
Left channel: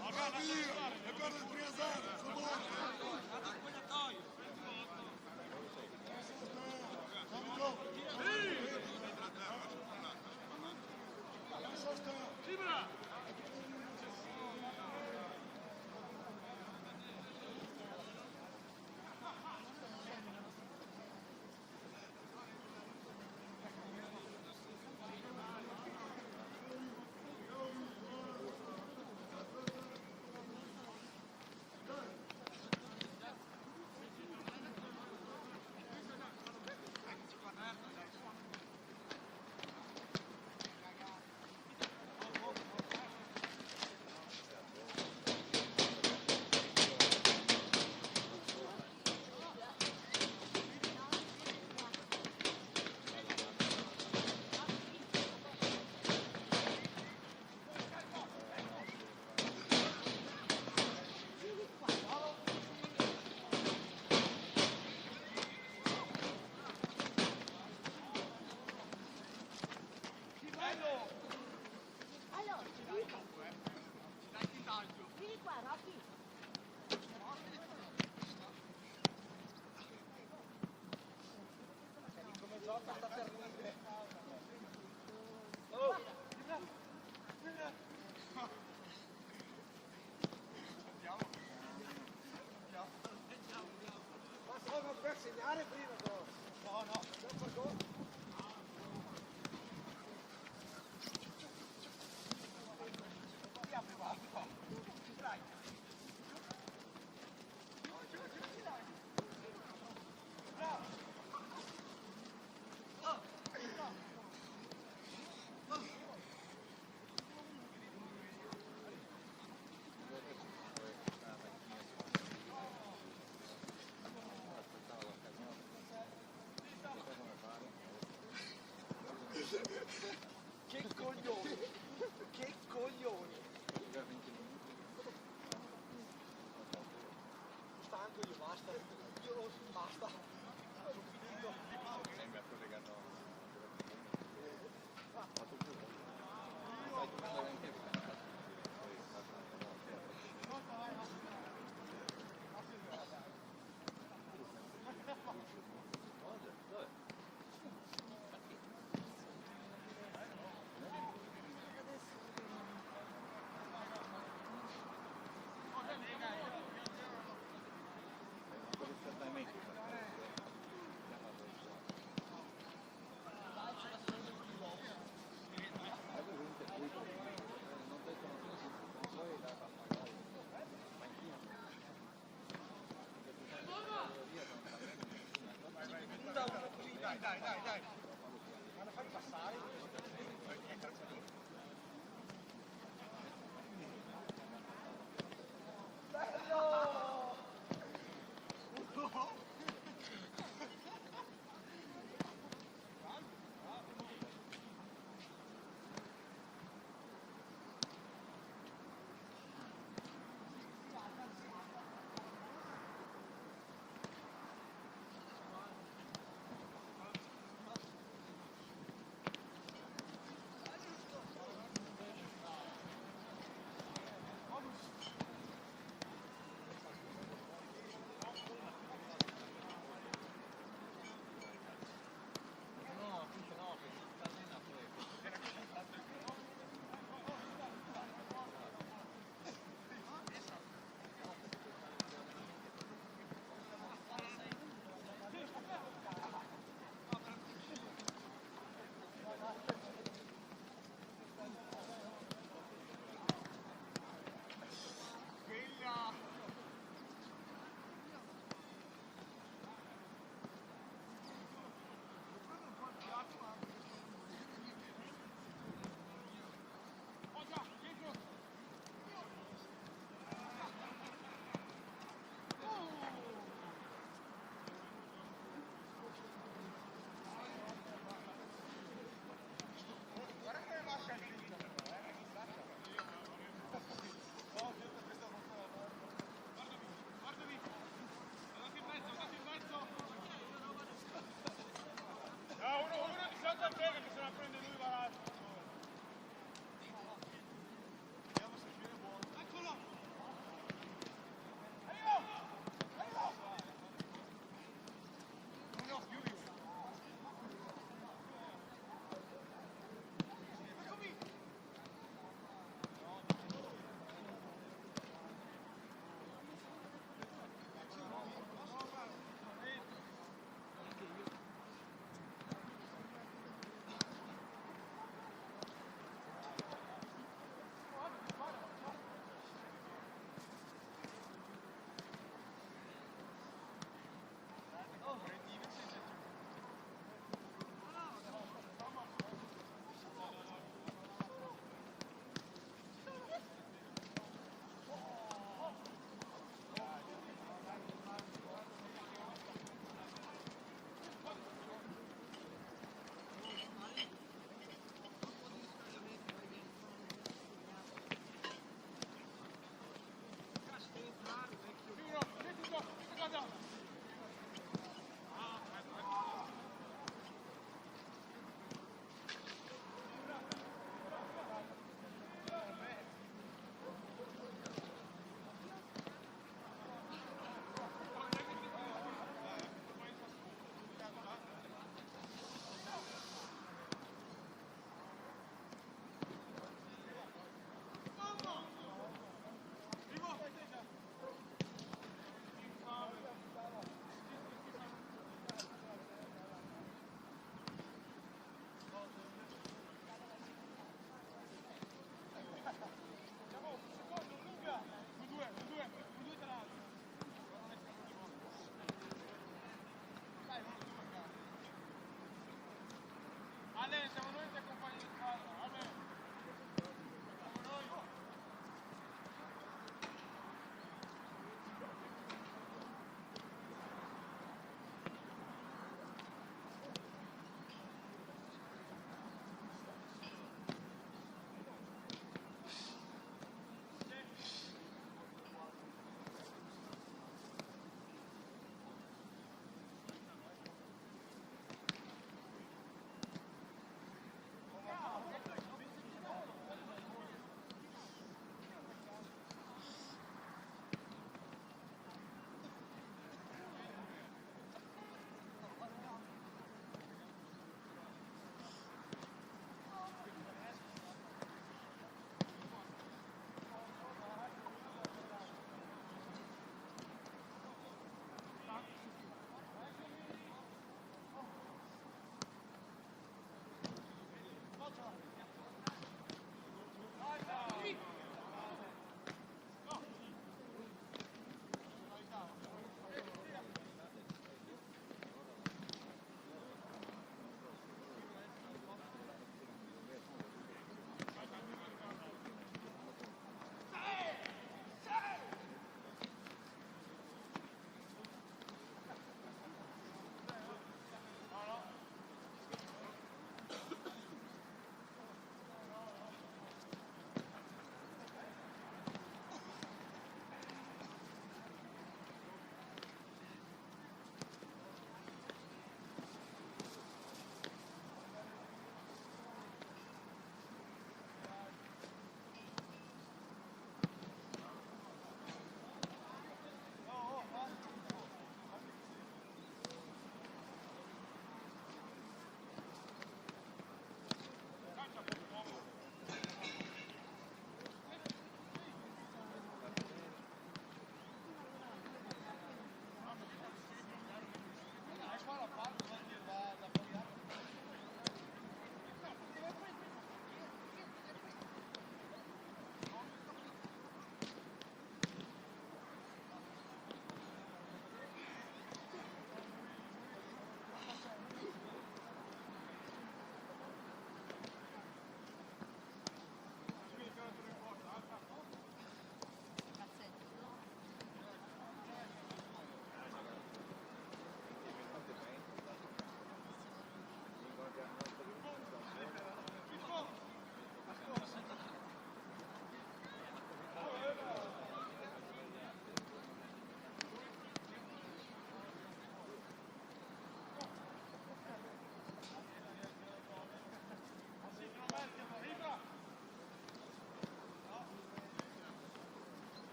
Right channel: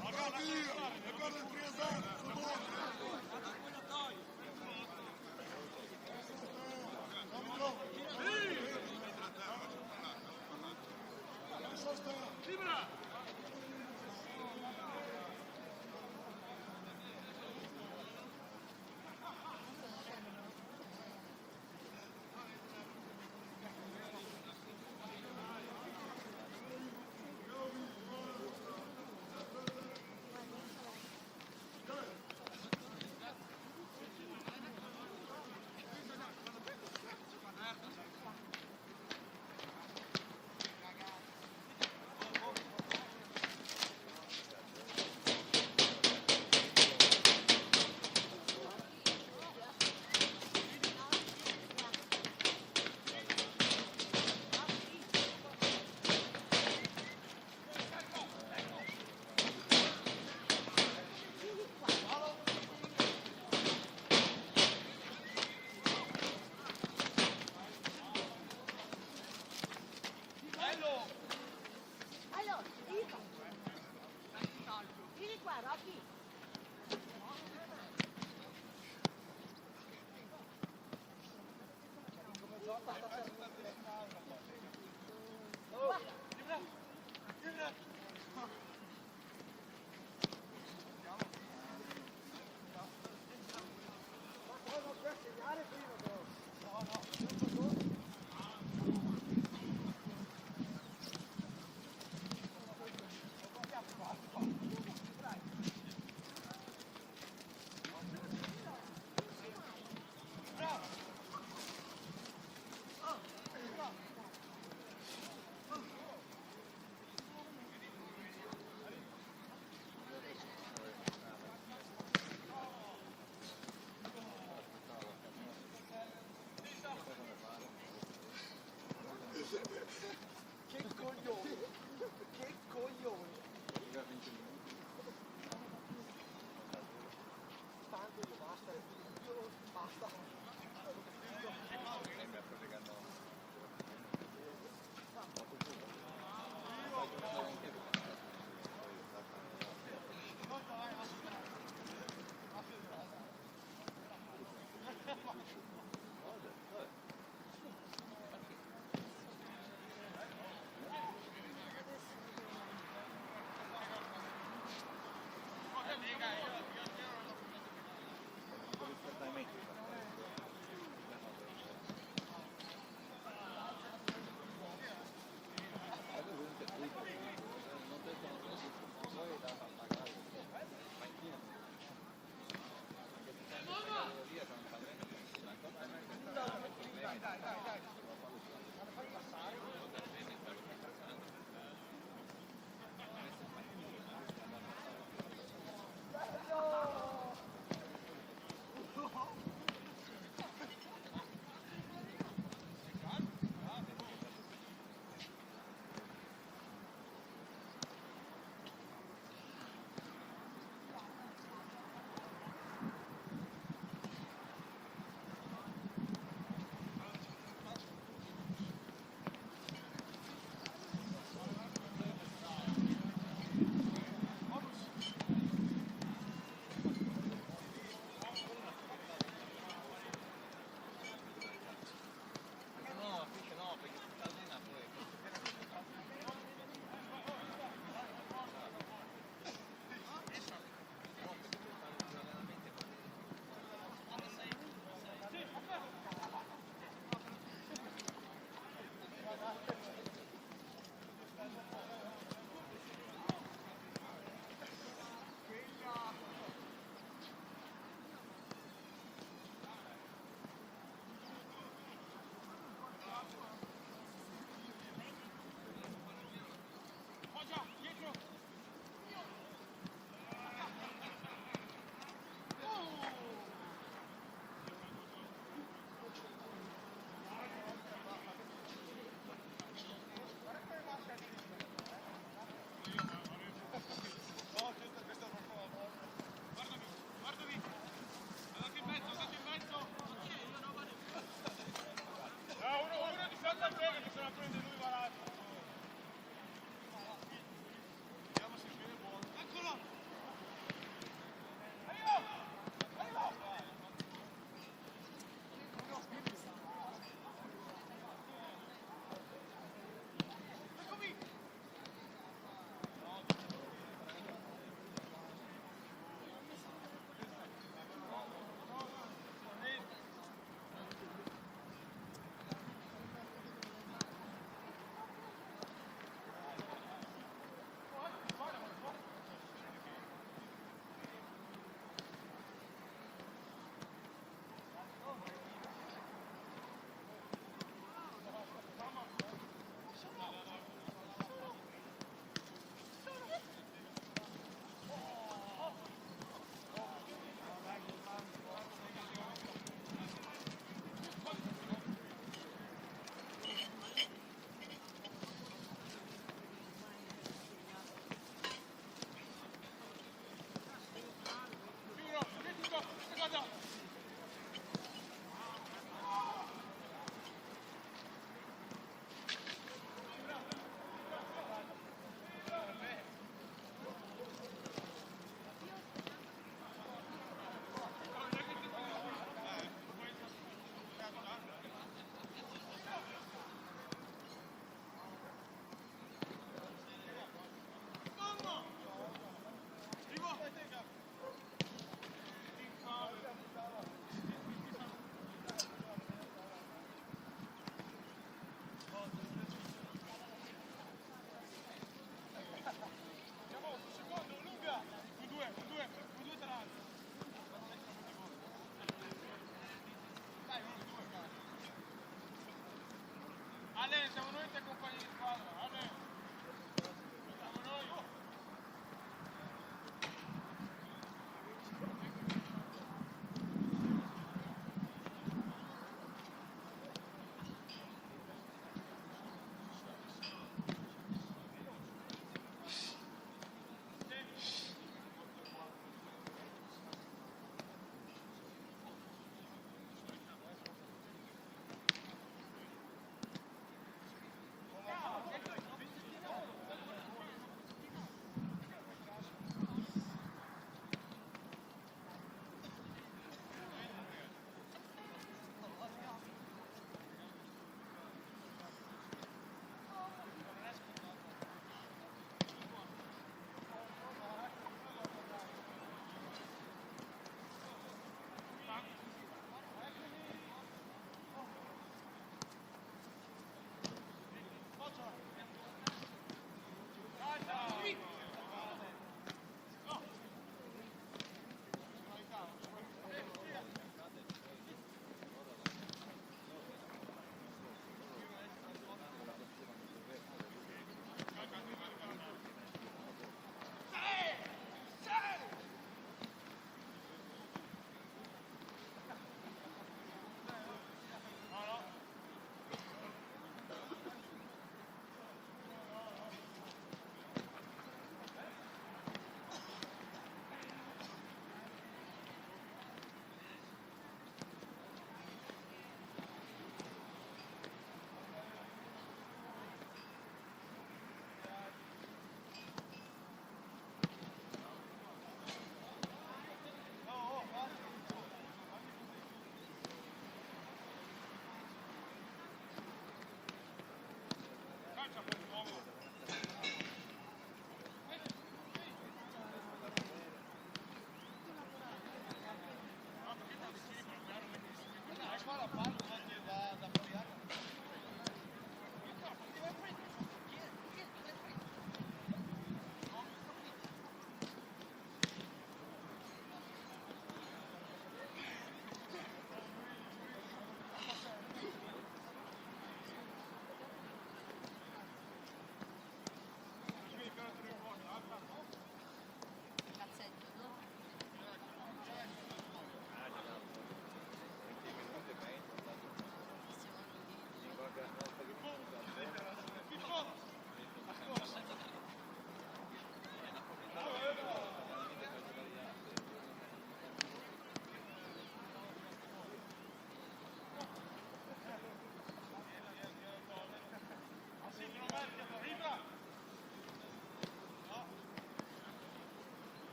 Morgan, via! Ricorda il triasare, su Morgan!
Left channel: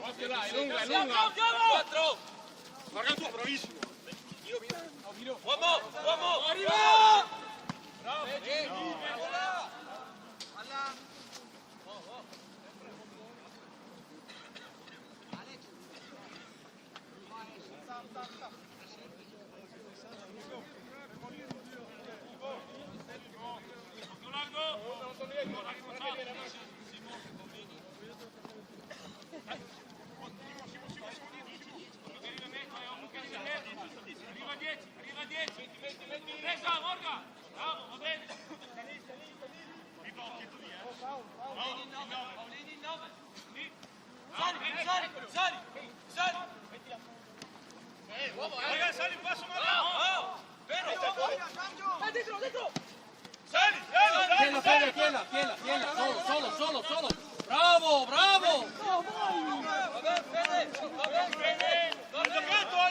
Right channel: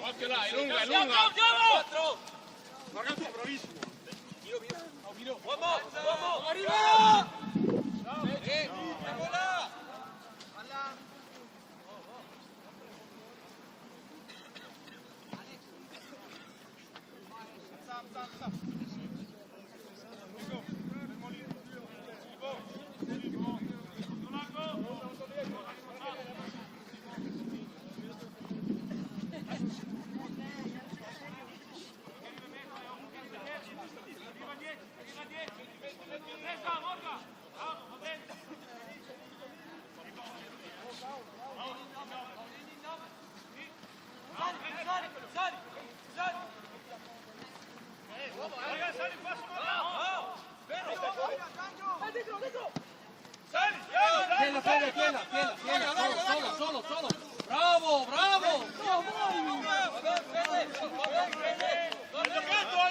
Occhio là, è lunga, è lunga. 4. Guarda tu, bravissimo. Uomo, arriva! Solo. Bravo! Ha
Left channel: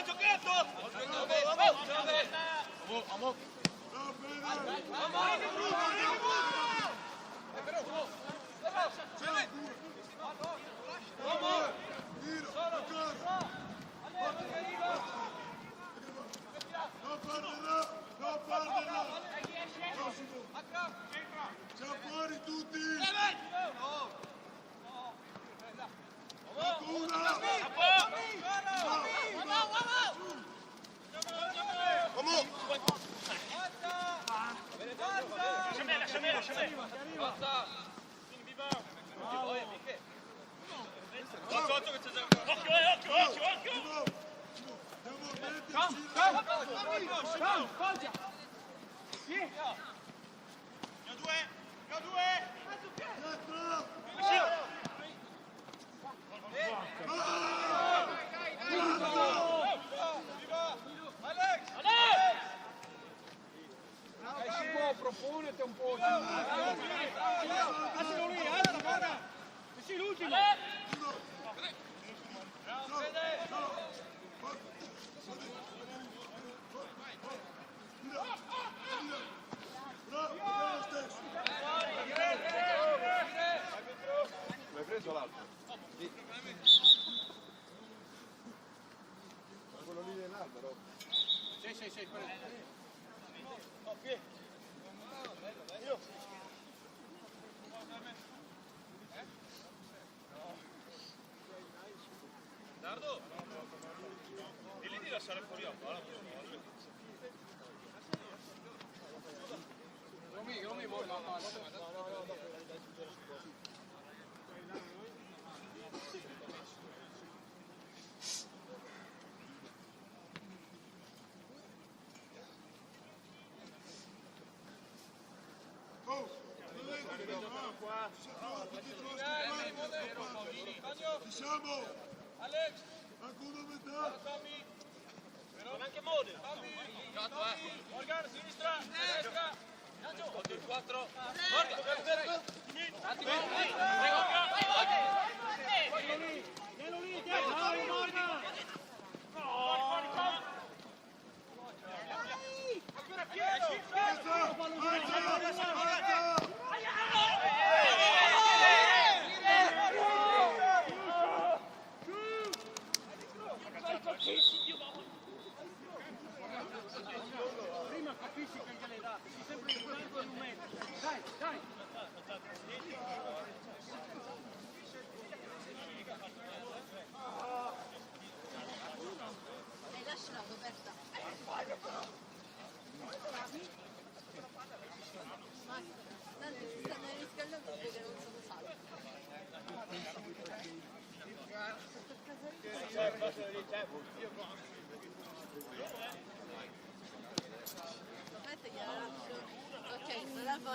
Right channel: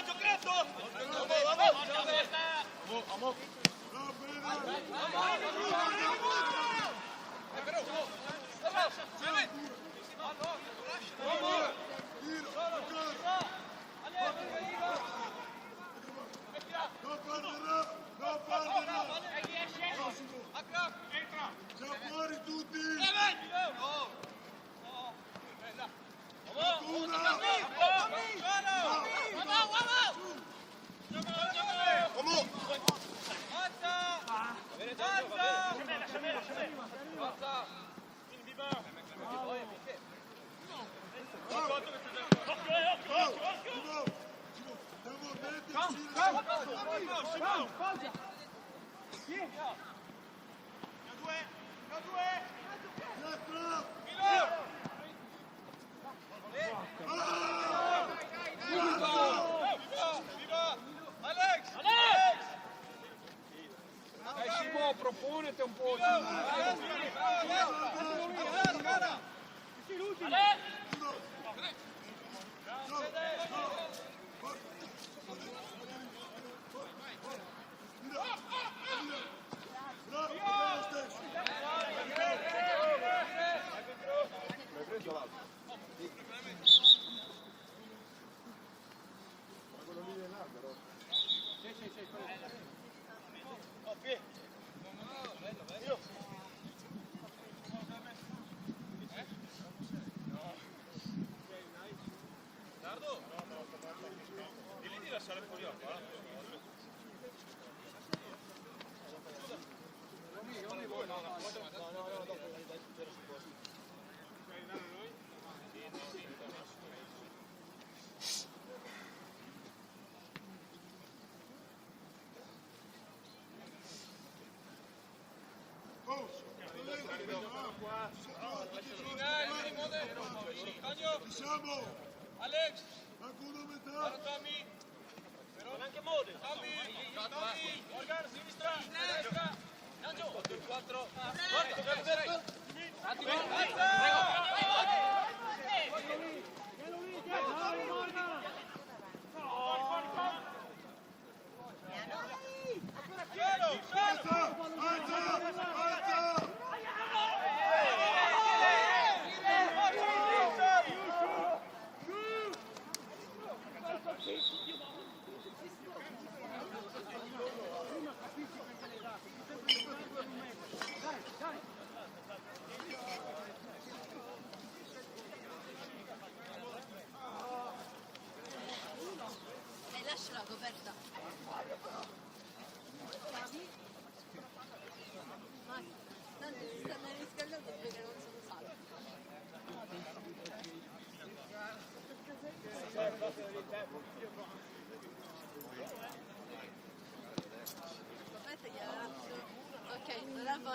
giocato! Non perderla! Prossimo! Siamo fuori tutti! Una! Proponete un po'. Ci siamo! Alex! Manca una metà! Però anche Mode. Morgan, sinistra, destra. 4. Alza! Lasciala coperta. Tanto si stanno riscaldando perché non sono salvi. Aspetta, gliela lascio. Ok, non la fa.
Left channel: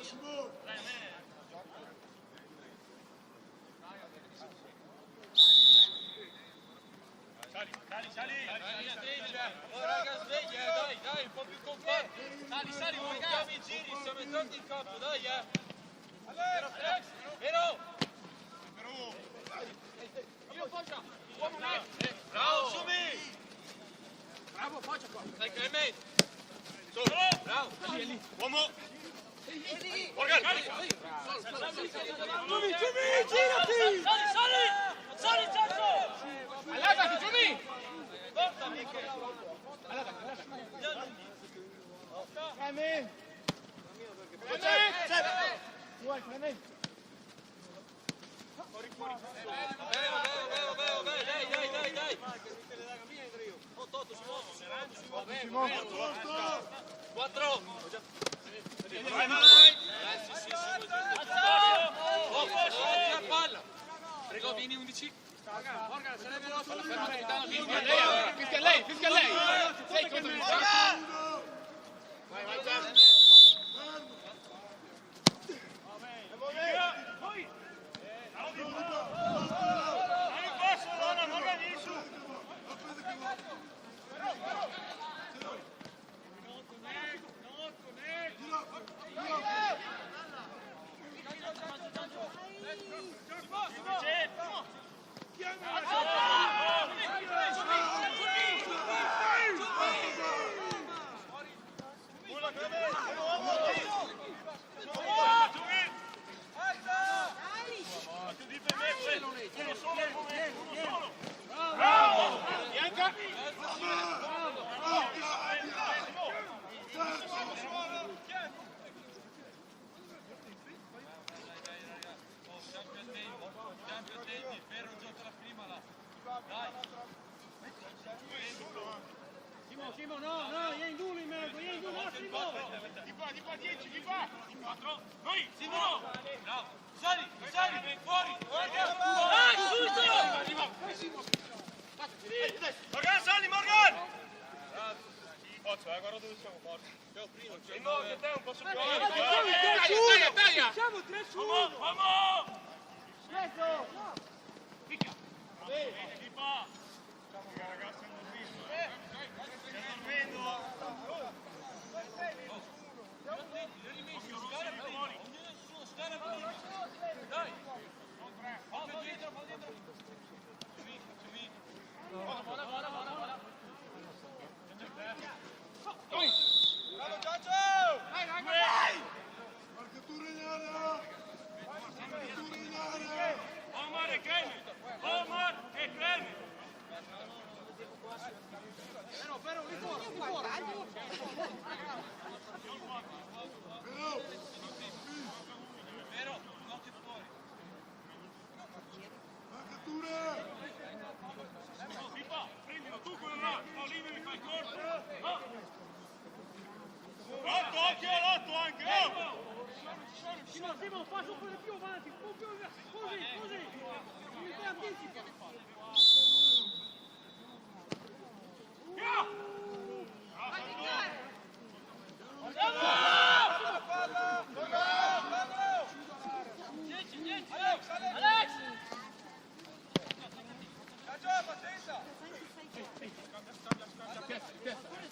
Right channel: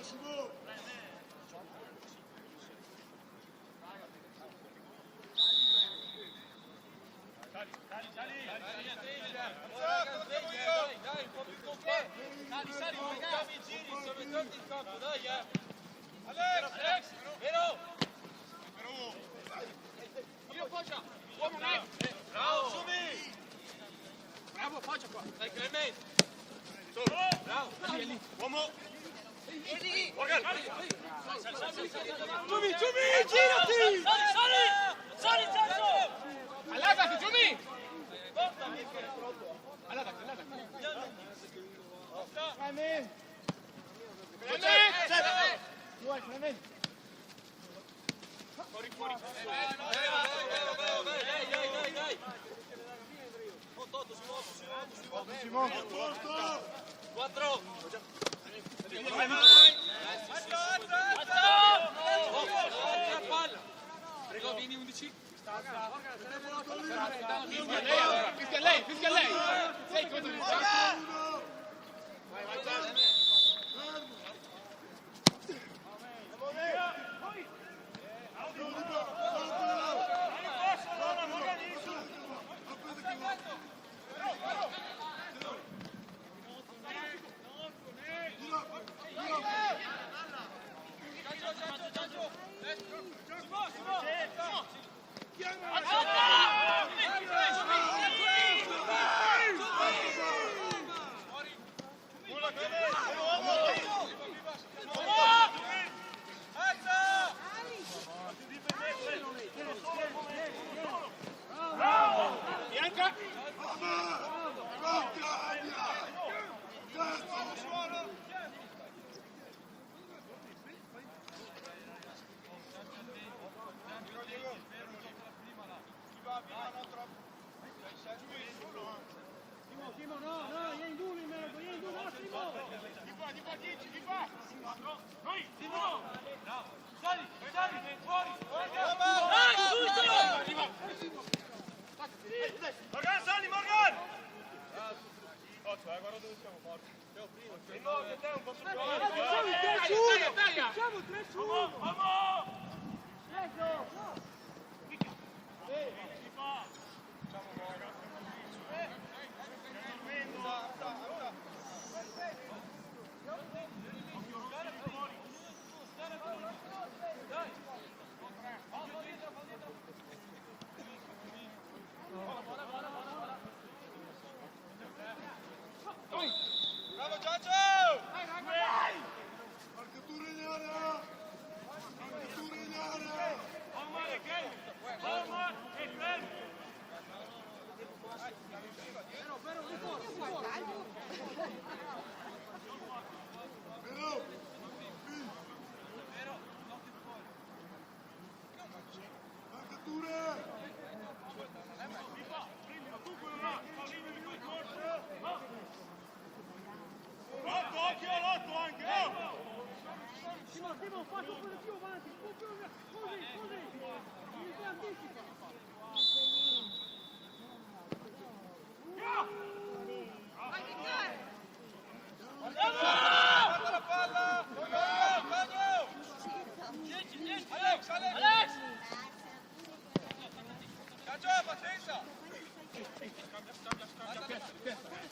Bene, Simone! Raga, sveglia, dai, un po' più compatto. Sali, guardate i giri, sono i torni in campo, dai, Vero! Bravo, Sumi! Bravo, appoggia qua. Dai, Clemente! Bravo! Uomo! Giumi, girati! Sali, Ciaccio! Allargati, Giumi! Allargati. Clement! Clement! Dai! Toto, si muove! Posto! 4! La palla! Prego, vieni 11. Fischia a lei! Sei contro il Uno! Bianca!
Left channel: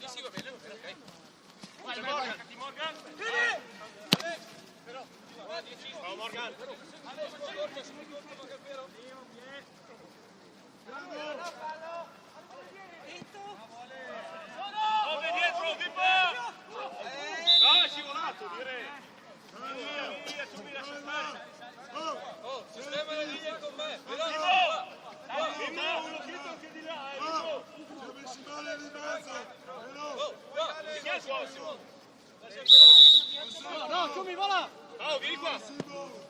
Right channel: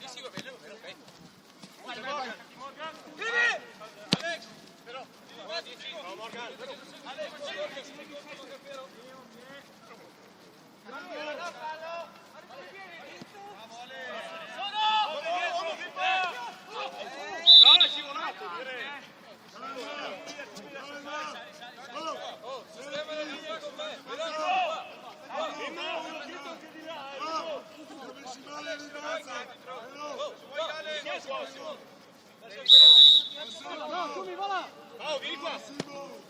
Sì, va bene, ok. Vai. No, è scivolato, direi. Calma! Oh! Sistema le linee con me. Siamo messi male lì in mezzo! Però! No, Giumi, vola! Oh, vieni qua! Massimo!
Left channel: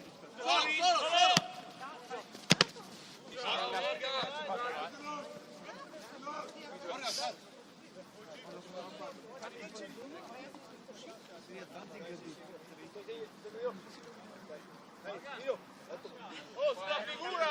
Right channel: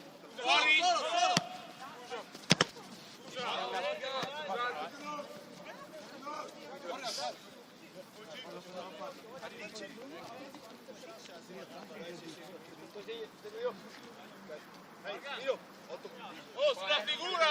Oh, sulla figura!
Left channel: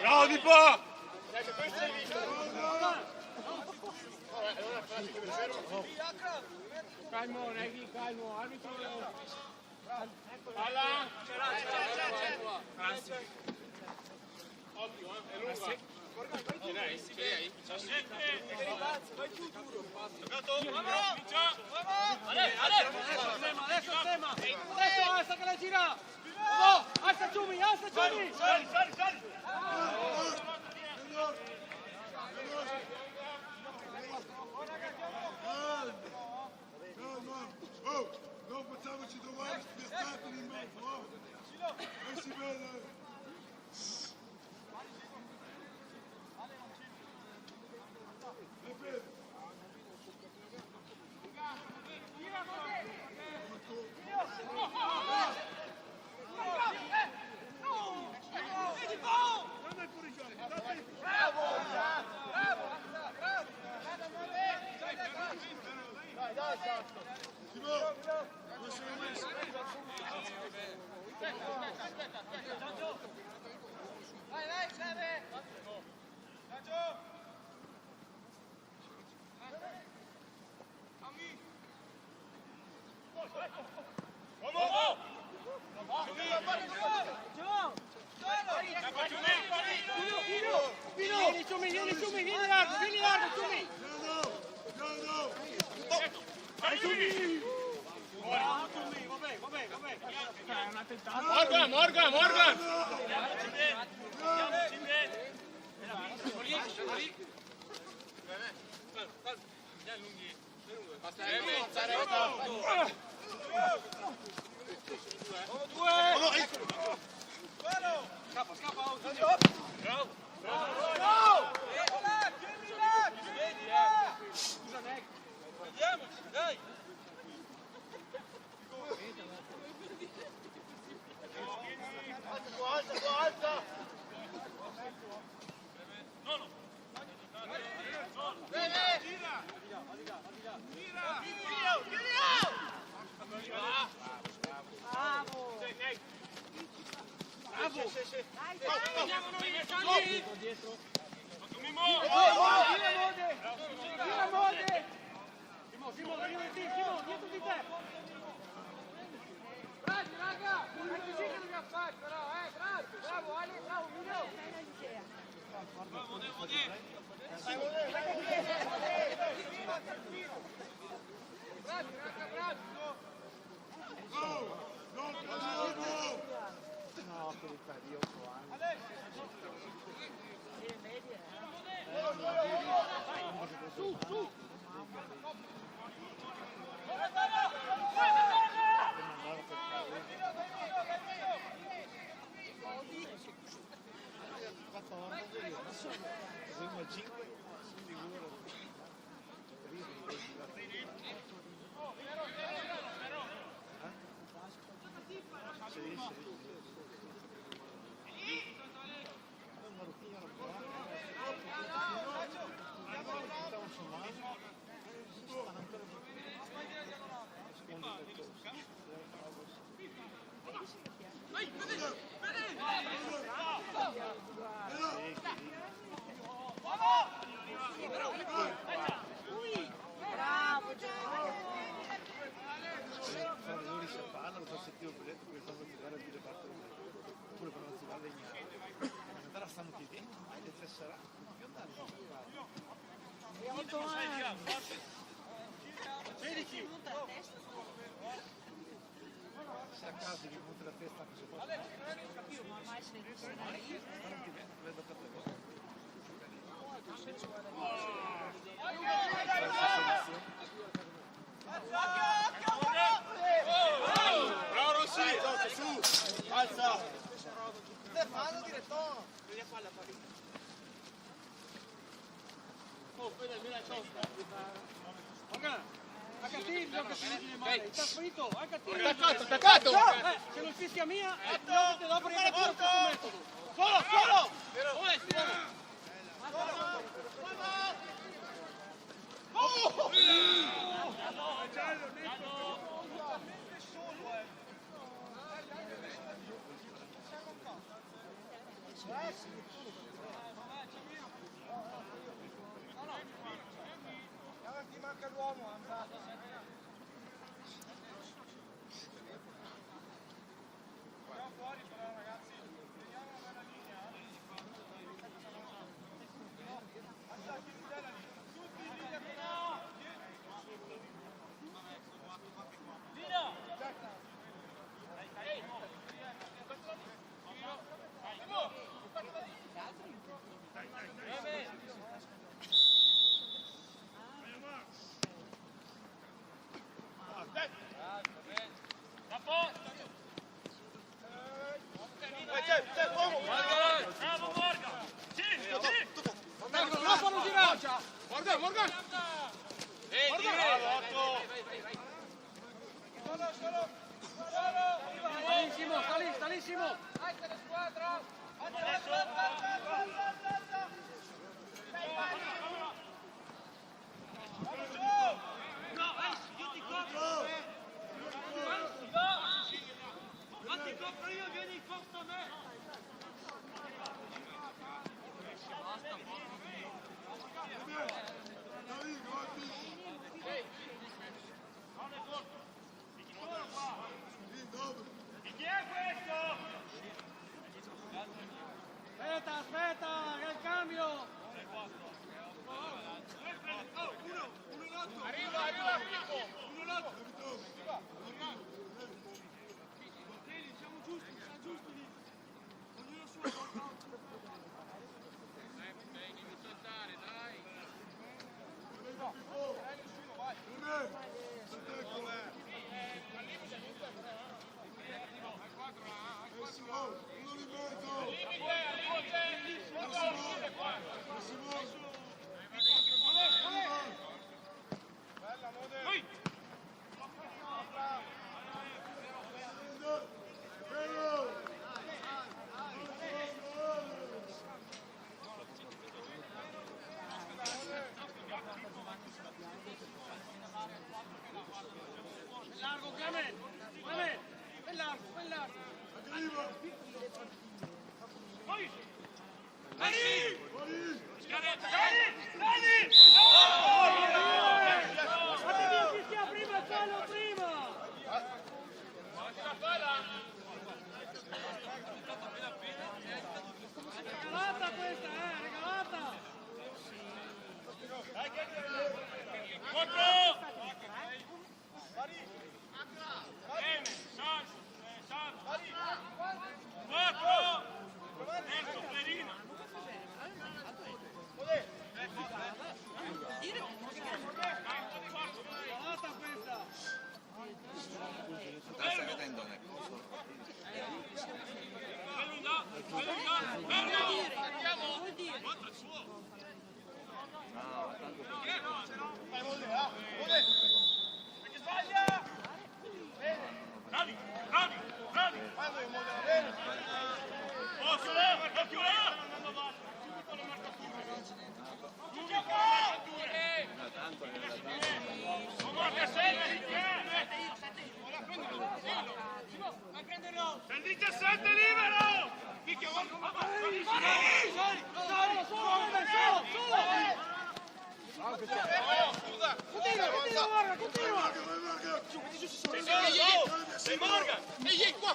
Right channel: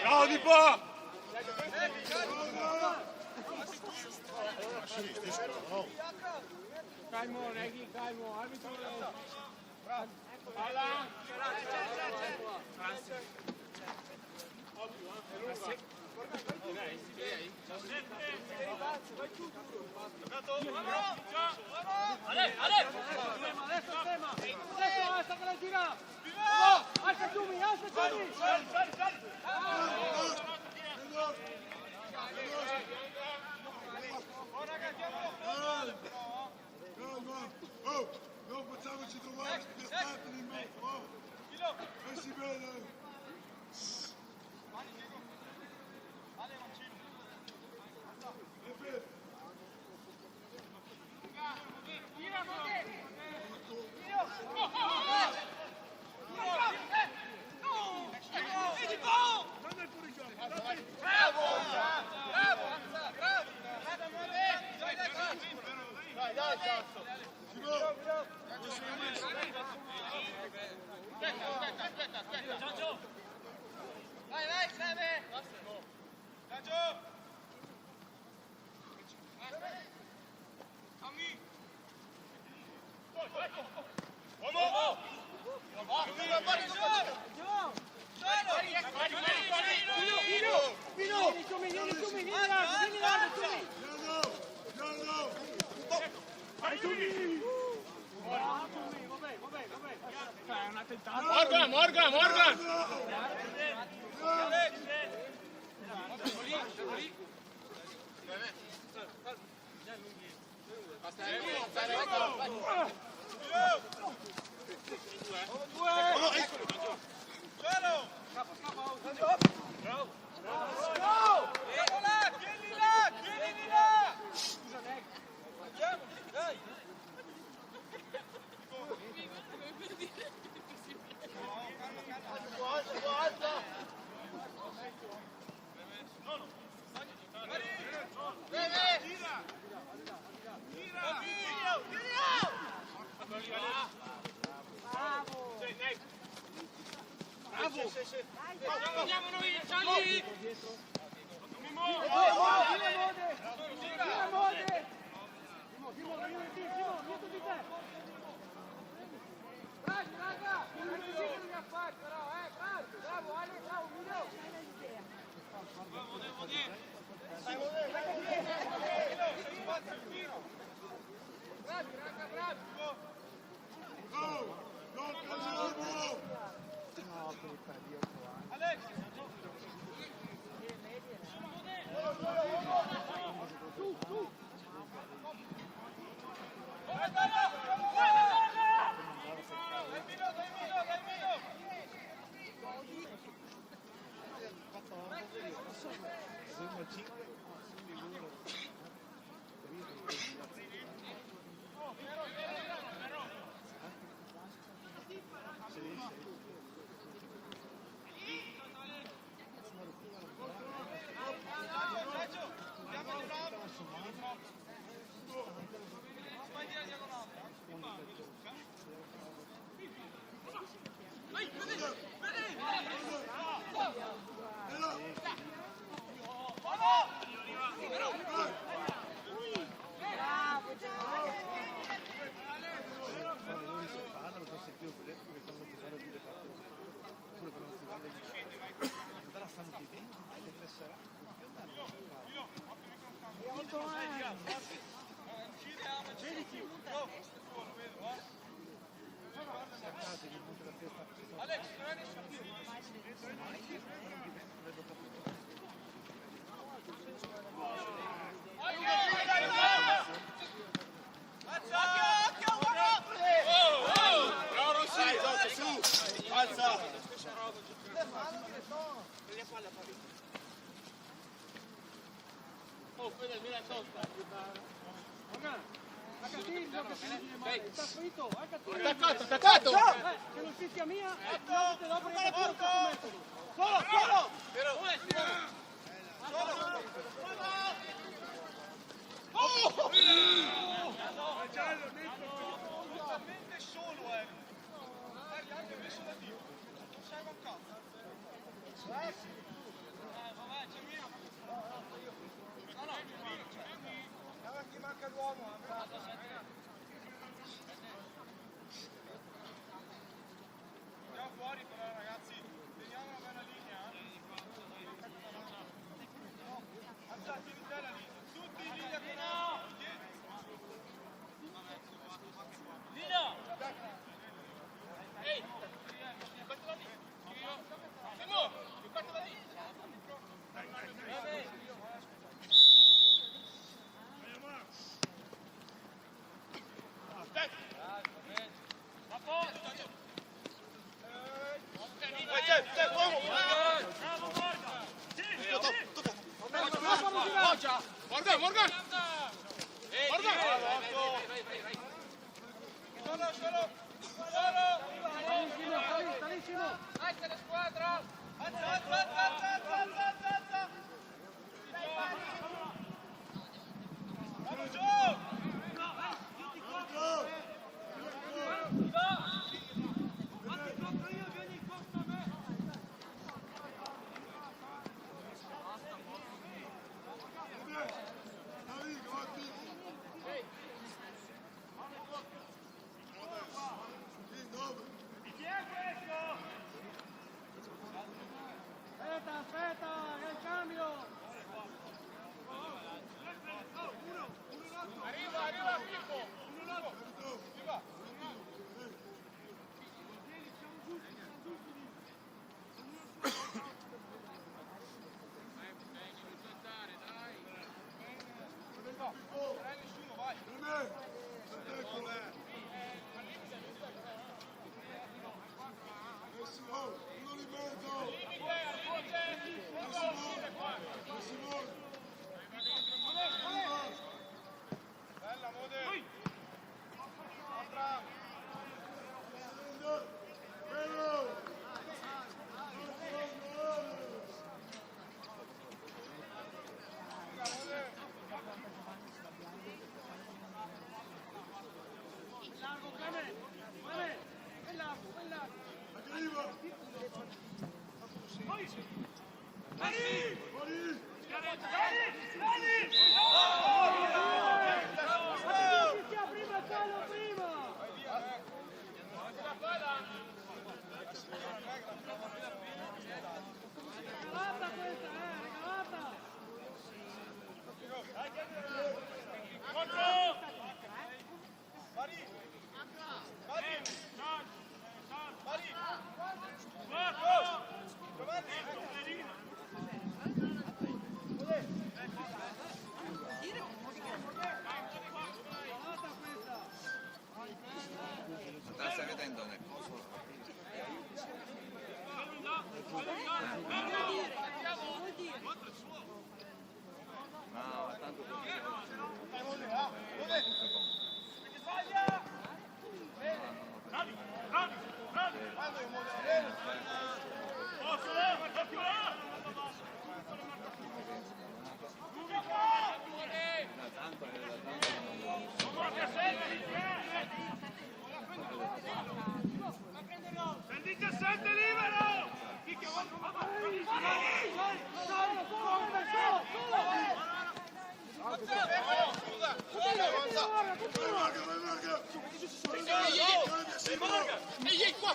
Bravo Di Po! Calmo, Neghi, calmo, arbitro. Adesso basta che la gira! Alza Ciumi, alza Ciumi! Calma! Oh! Non facciamoci trovare spiattati in mezzo, oh! E si vede! E fermo! Simone, come sei messo? Vai, Xavi! Morgan! E 8 anni. 16. Saccati di monte la testa che si fa. Vedo capire. Bravo Rossi! Su! Alza! Prendi a palla, oh, quella è tosta. Attaccato! Se non fischia mia, te la prendo porco sul metodo. Solo! Ti manca l'uomo, fuori però ragazzi, veniamo dalla linea. Alzati in tela lì, tutti in linea che no! Vabbè, sono qua che qua. Nino! Ehi! Fatela lì! Emo! Fatela lì! Dai! Vabbè! Morgan! Salissimo! Anche la squadra! Aspetta, che il cambio! Arriva, Filippo! Siamo giusti lì. Uno di mezzo! Simone! Bella, Mode! Largo, Clemente! È largo! Arriva! Prima il fallo, prima! Regalata questa, regalata! 4! Pari! Ma stai vedendo nel coso? No, tanto perché oggi tanto Il 17 libero! Ehi, qua!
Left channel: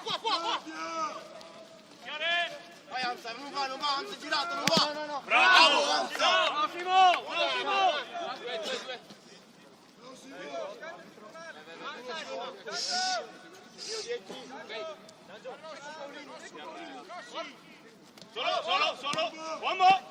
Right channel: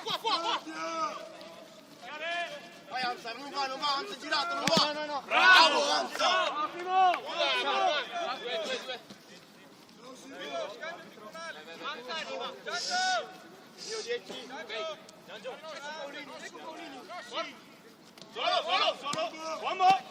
Vai Anza, non va, Anza è girato, non va! No. Bravo Anza! Solo! Uomo!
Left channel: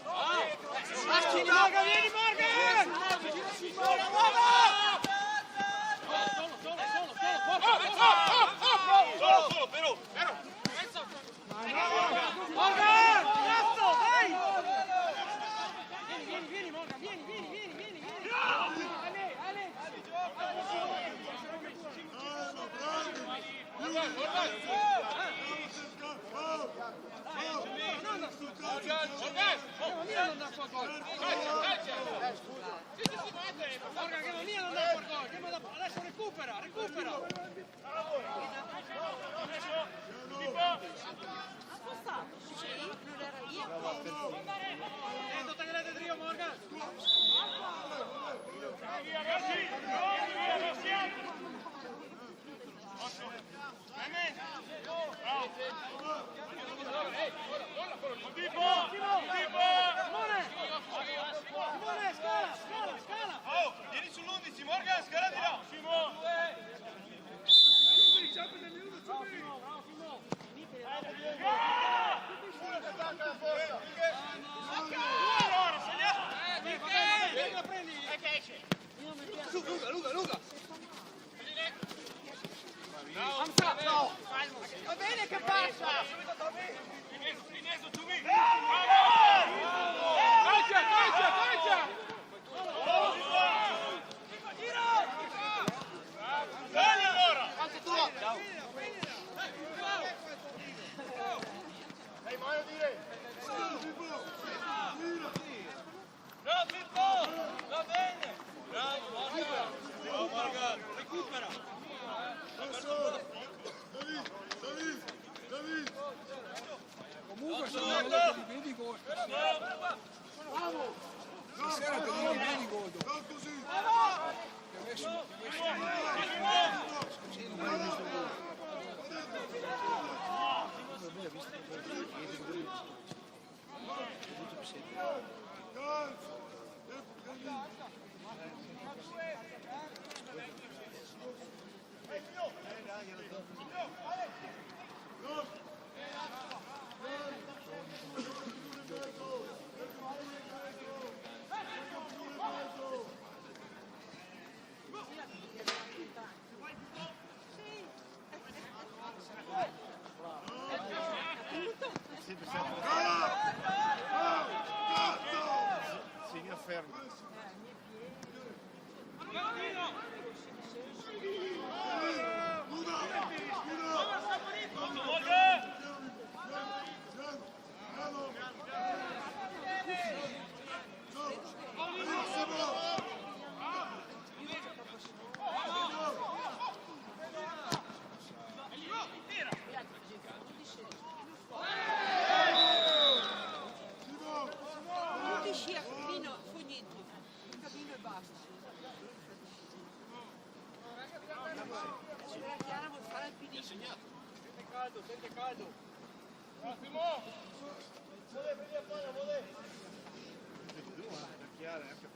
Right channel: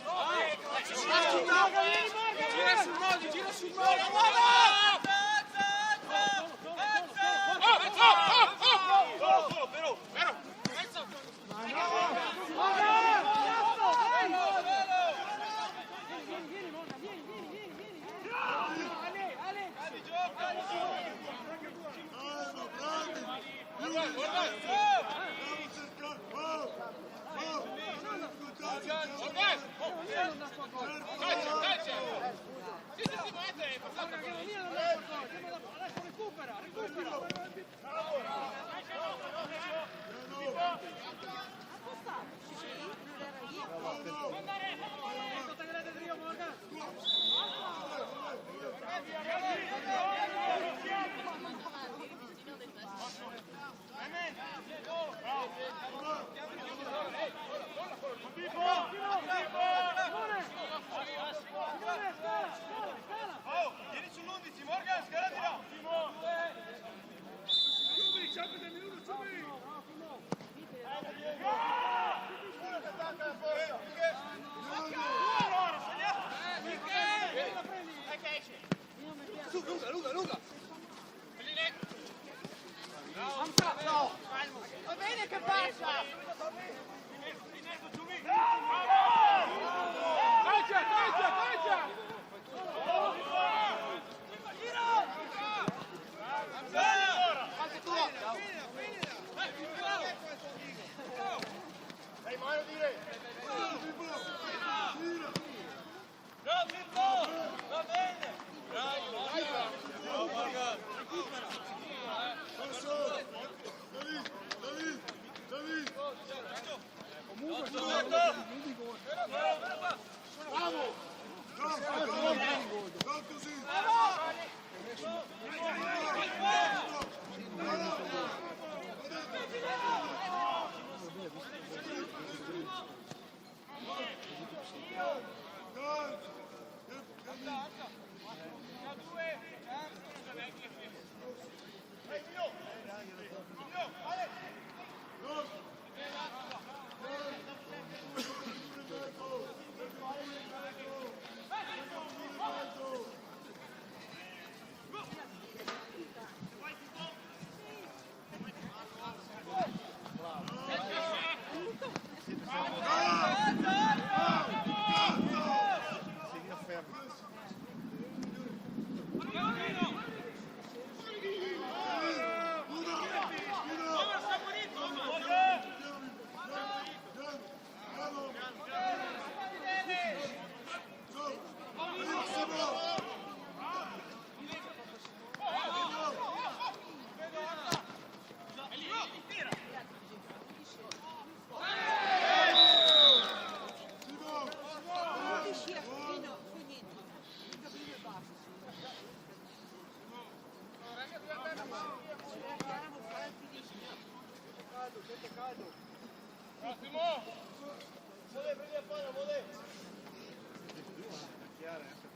Luca! Va bene che passa! Dai, mano dire! Va bene! Bravo, Morgan!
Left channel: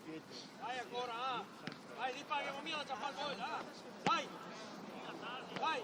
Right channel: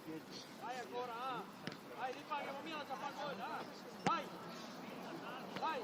Vai ancora, vai, ripaghiamo via, già fa gol, vai, vai.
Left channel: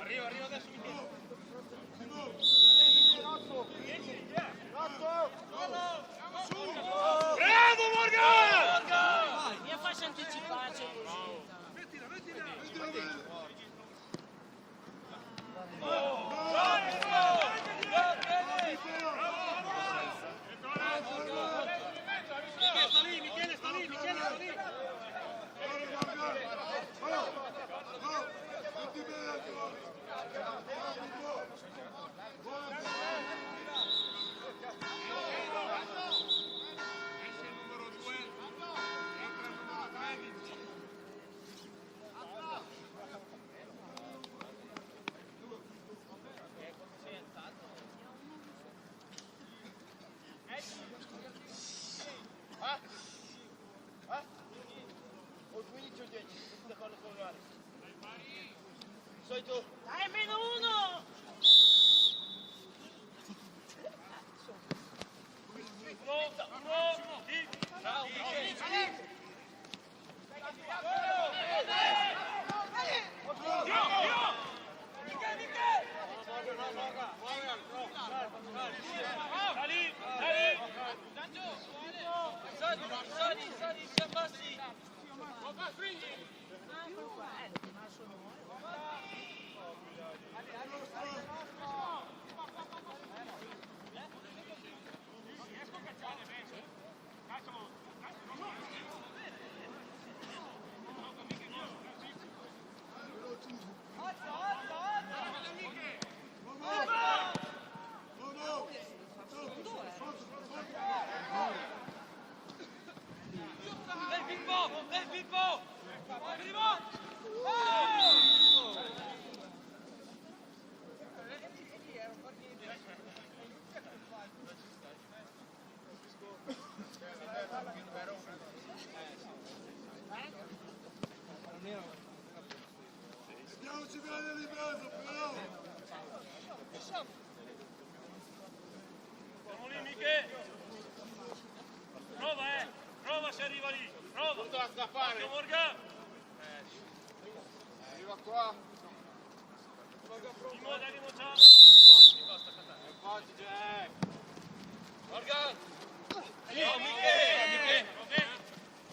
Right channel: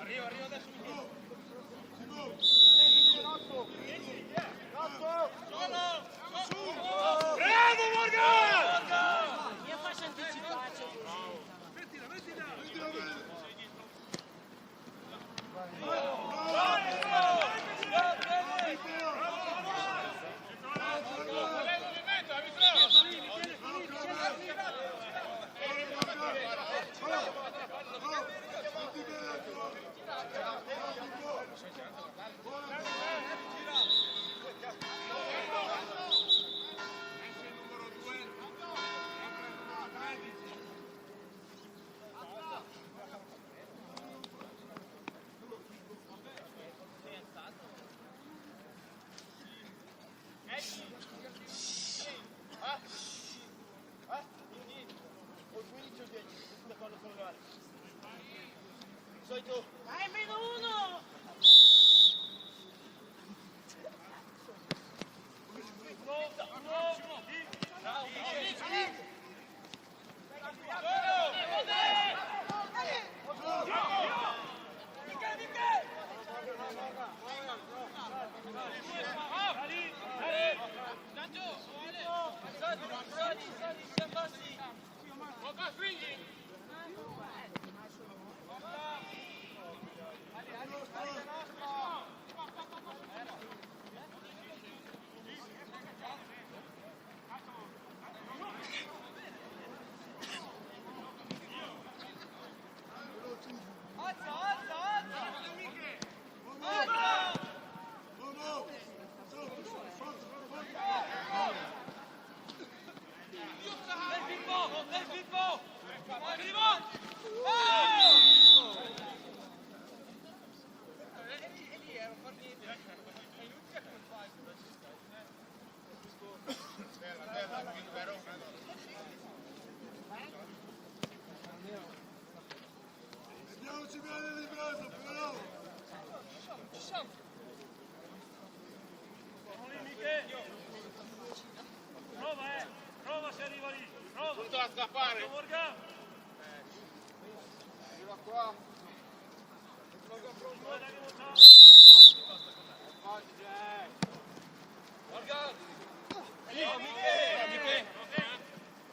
Arriva adesso Michele. Bravo Morgan! Mi faccio anticipare. Mettila bene! Solito. Dai, meno uno! Vediamoci bene di mezzo, però! Prova se arriva lì, prova! Tutto da fare! Morgan! Arriva qua. Morgan pronto! Morgan! Ciao Michele!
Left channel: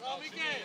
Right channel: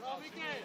Ciao Michele!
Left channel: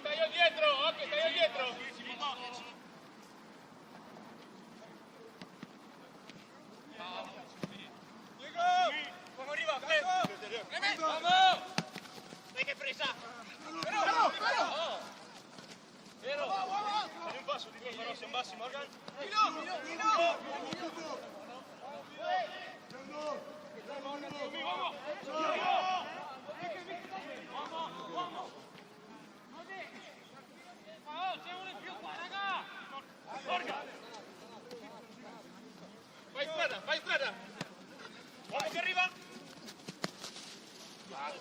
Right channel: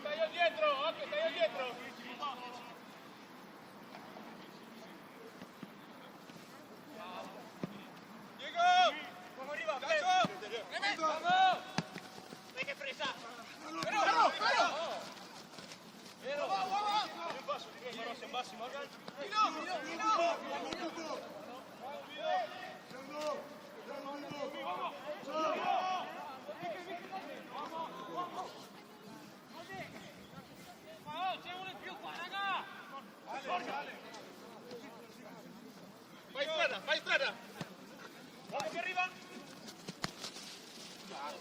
Stai dietro! Come arriva? Vamos! Dai che presa! Bassi, Morgan! C'è uno in più qua, raga! Vai in strada! Uomo che arriva! Vai!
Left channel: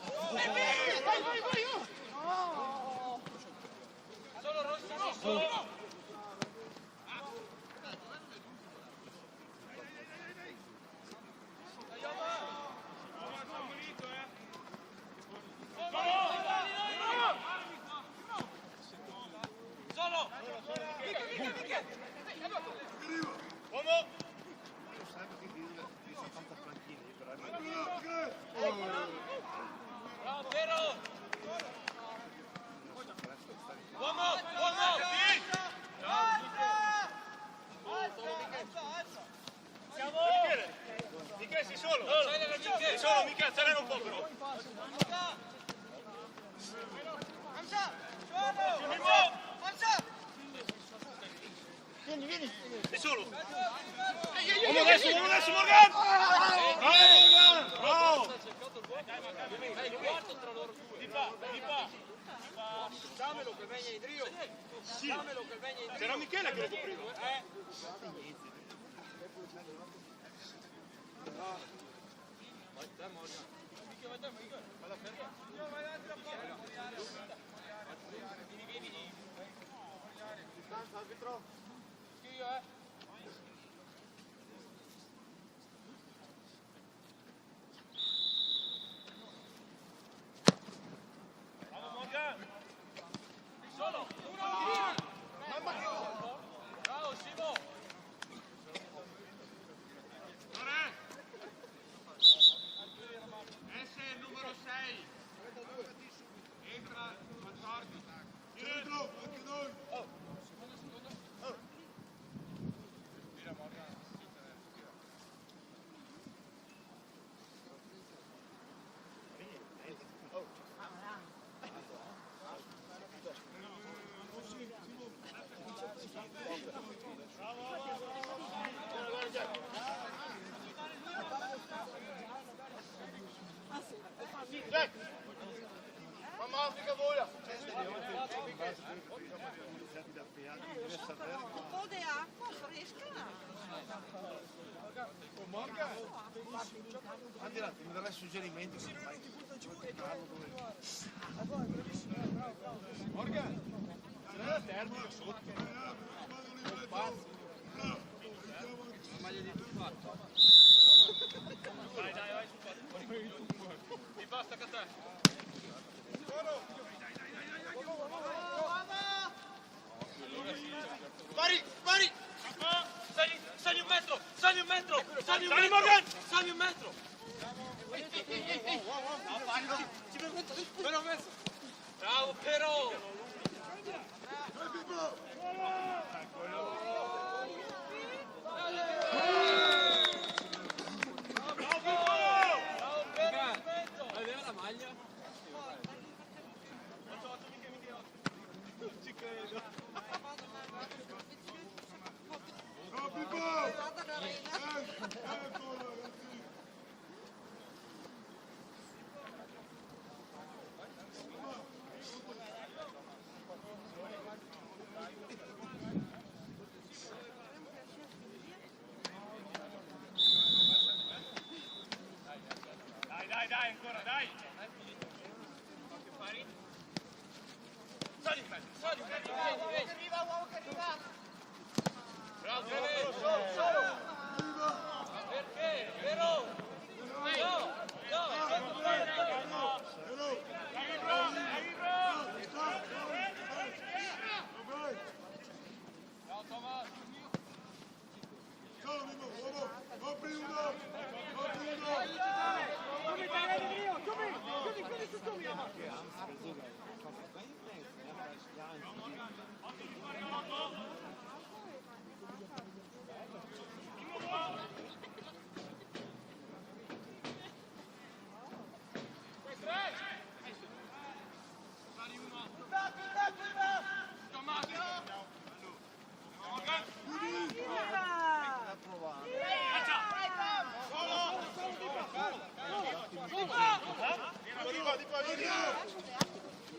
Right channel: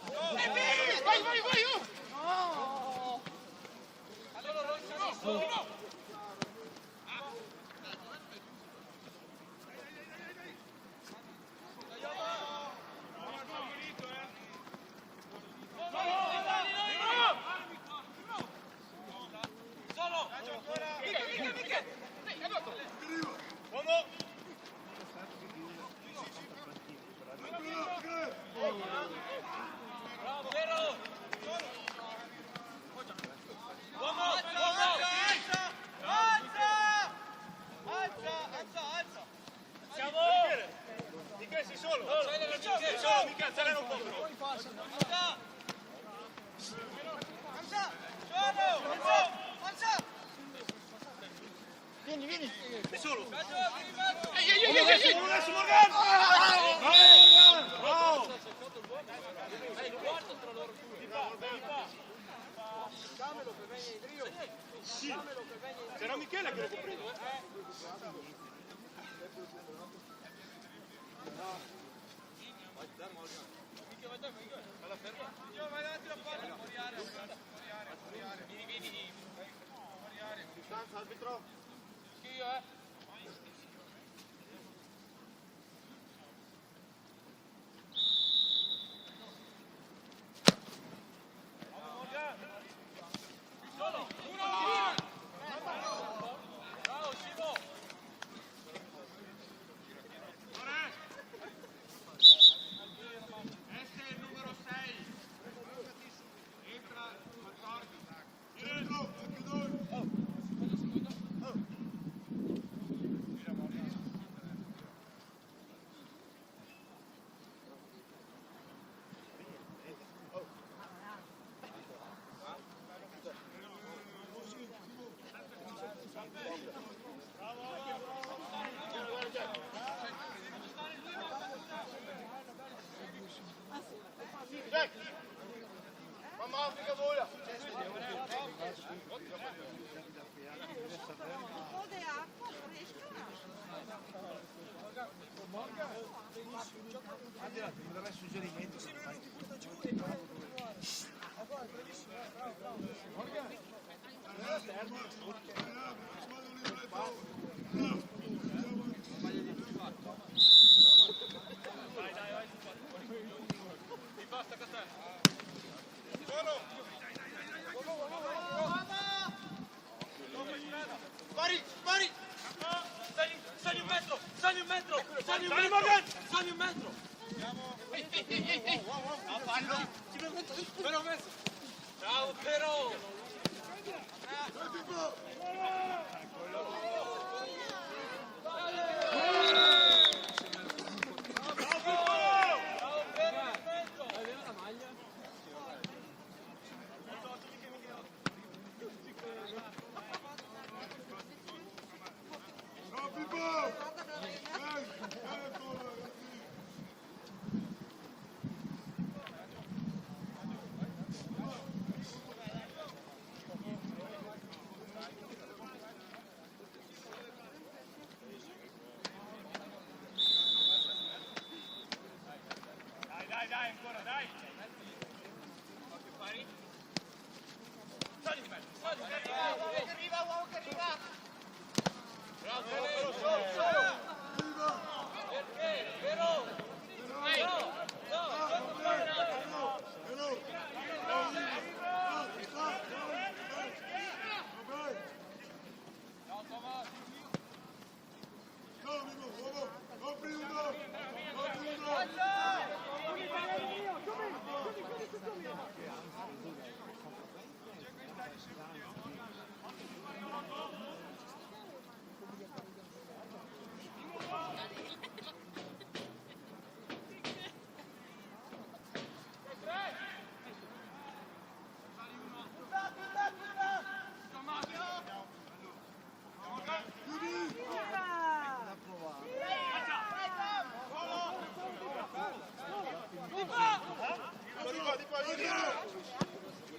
Solo Rossino! Solo, Michele, un po'. Solo. Uomo adesso, Morgan! Bravo! È il quarto tra loro due. Dammelo che venga Idrio. Sì. C'era Michele che lo copriva. Vai te Morgan. Vai te. Vai Distanza, arbitro. Solo. Ciao Simo. Esse è il numero 6. Entra 14. Centro, anche noi. Mamma Africa vola. Po de acqua, perché scusa. Mi dà suggerimento. Sì, lui non ti butta giù e poi continuare. E poi, bravissimo, bravo. E basta Catania. Pari! Sali un metro. Sali un metro. Me l'ho messo. Bravo però. Bravo Piero in mezzo. Ciao Pippo! Ecco ragazzi! Dai, ancora, dai. Sali, uomo che arriva. Bravo. Solo. Perché? Vero? No. Ciao amico, uomo, copri uno!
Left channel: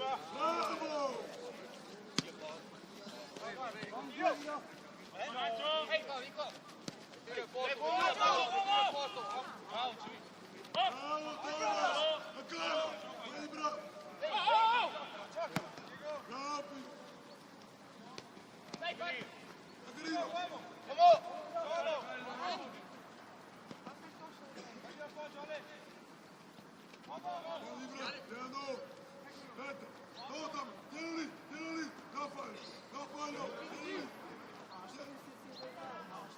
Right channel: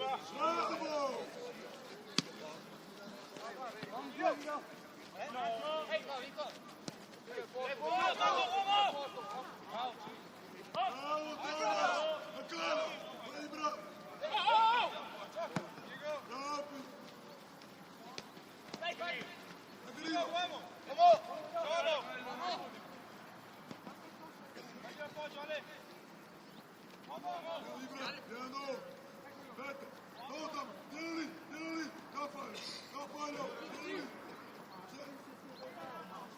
Bravo! Bravo Thomas! Ancora! Vai bravo! Rapi! Aggrino! Piano! Aspetta! Totam! Tieni lì! Non fallo! Tieni lì!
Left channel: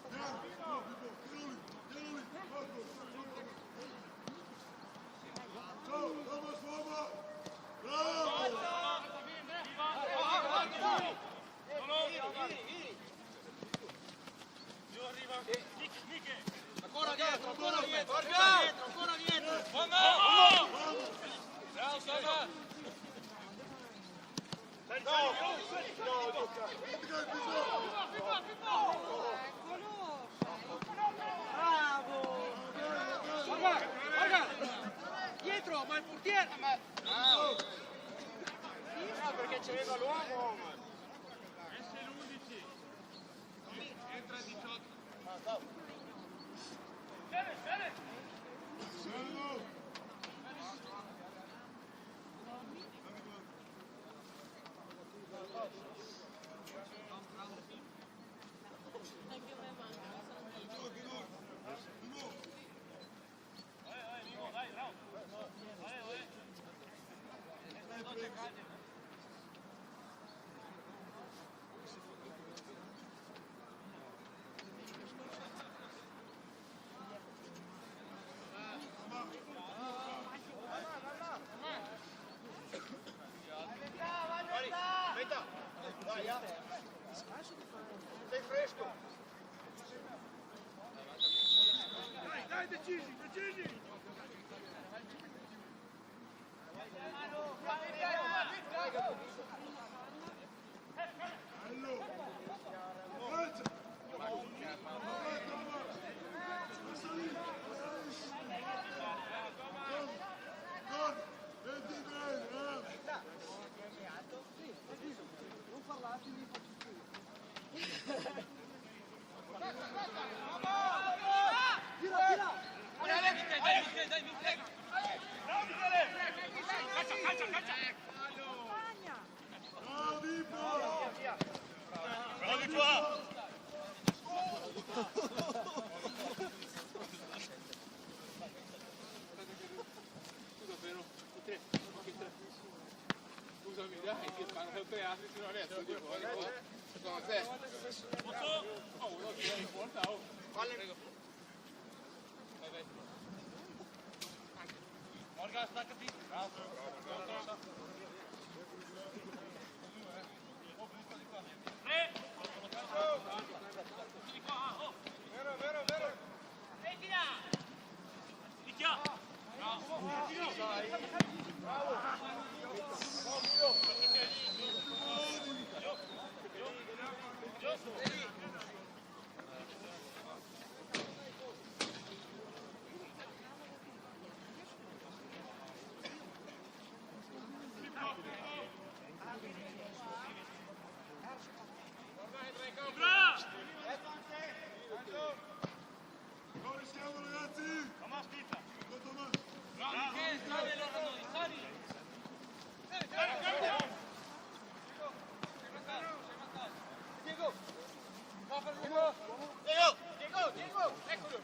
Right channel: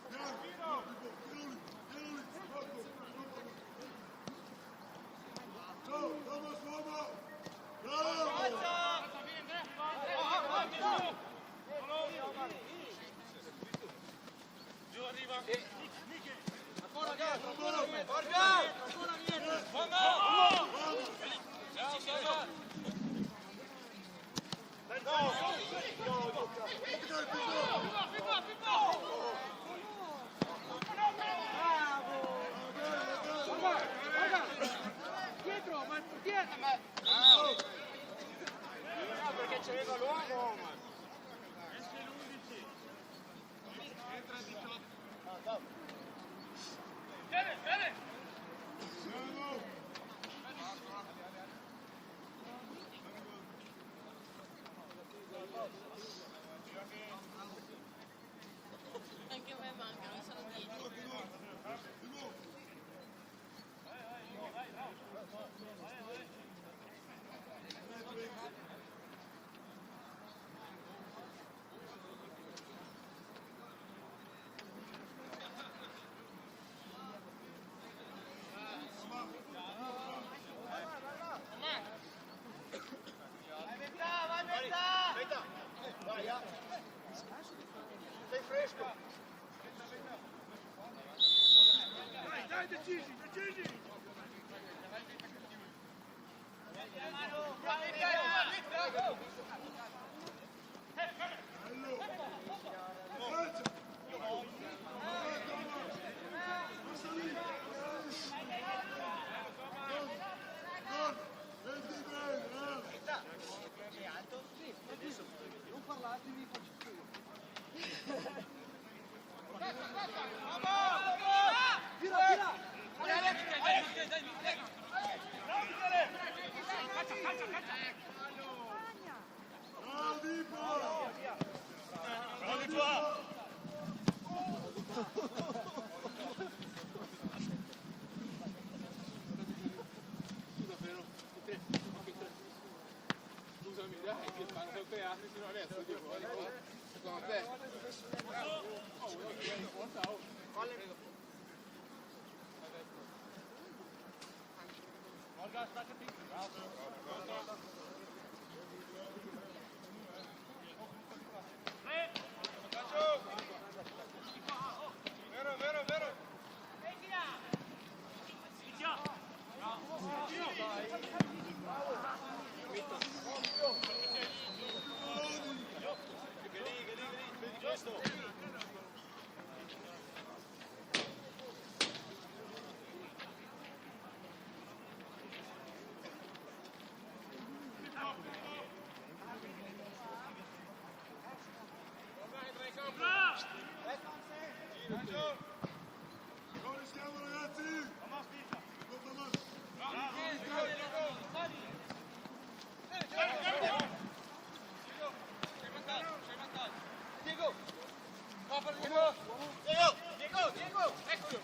Piano! No, Pippo! Tieni lì! Marco! Ciao! Thomas, uomo! Bravo! Giù arriva. Ciao Sava. Dietro, ma il portiere! No, perché c'aveva l'uomo! Esce l'11. Entra il 18. Servo! Anche a me mancano, sono 10. Di nuovo! Aspetta! Dai, sei fresco! Dai, decisi! Bello! Forza! Vabbè, Thomas! Passa lì! Gol! Vedi bene, Non parlate, mi Tira! Ciao Dipo! Ciao Dipo! Scusa però, scusami, dai, che stanno sempre altri, se no adesso sono a te. Non rischiamo ragazzi! Go Thomas! Diego! Eccolo!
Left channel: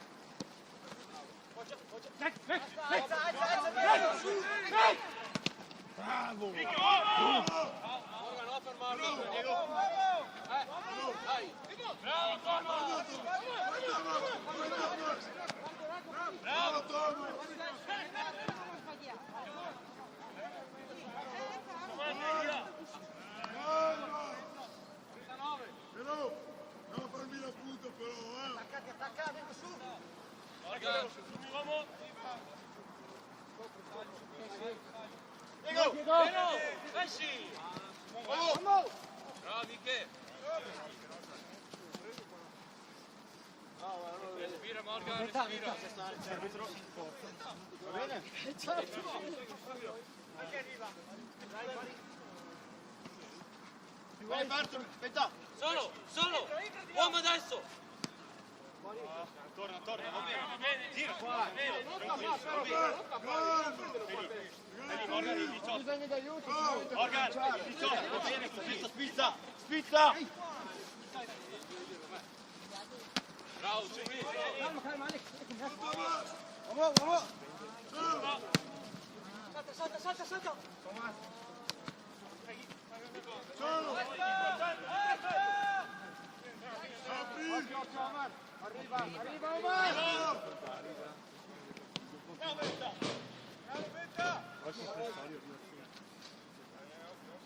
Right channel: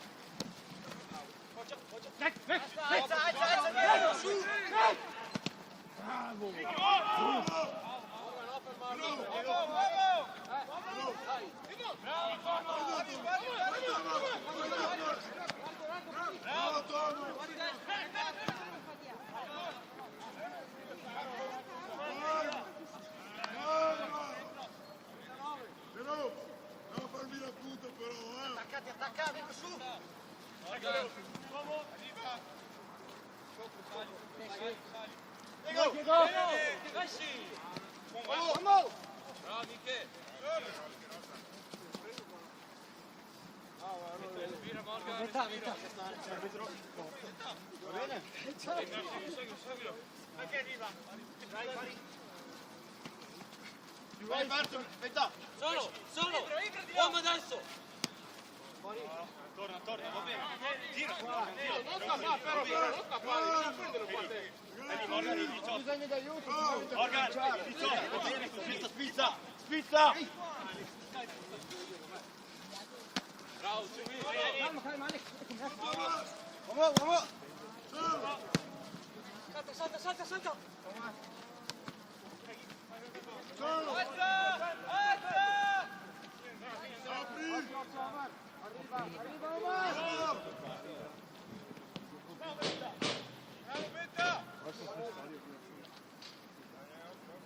Bravo Thomas! Però, andiamo a farmi la punta però, Attaccati, su! Bravo Michele. Metà. Va bene? Vai, parto, aspetta! Solo. Uomo adesso. Torna, va bene. Gira, gira, tranquillo, va bene. Calma! Il 18. Bisogno d'aiuto. Morgan, il 18, va bene, senza spizza! Calma, Alex. Thomas! Vamos. Ciao! Salta. Ciao! Apri! Bravo!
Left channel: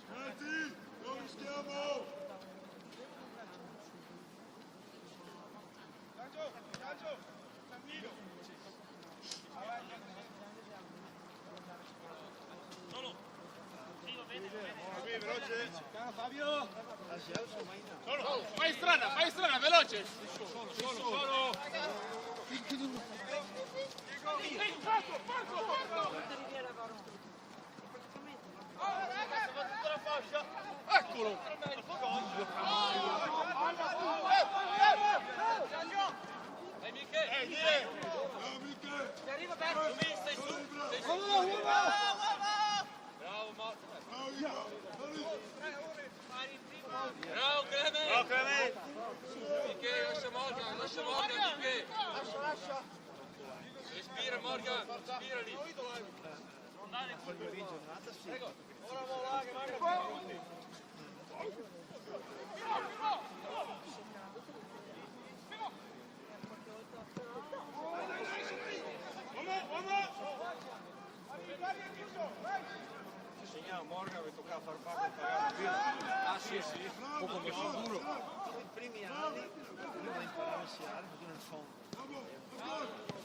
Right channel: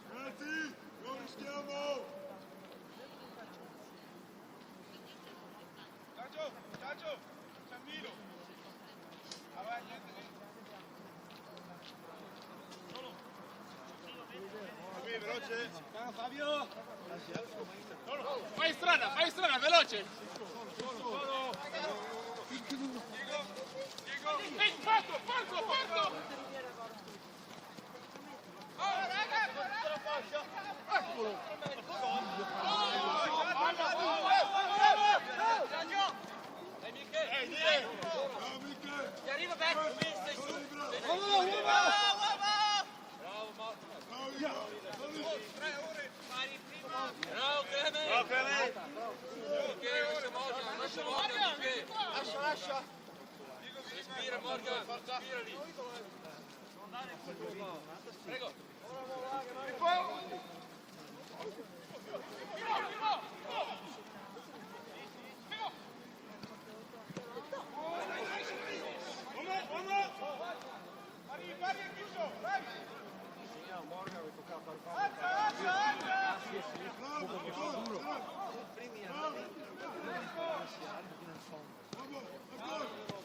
Ragazzi, non rischiamo! Lancio! Cammino! Veloce. Caro Fabio. Fai strada, veloce! Dai Michele! Dire! Bravo Michele! Ti arriva Bravo! Bravo Marco! Bravo Ivo! Bravo Clemente! Bravo Clemente! Michele, lascia Morgan, Michele! Lascia! Respira Morgan, respira lì!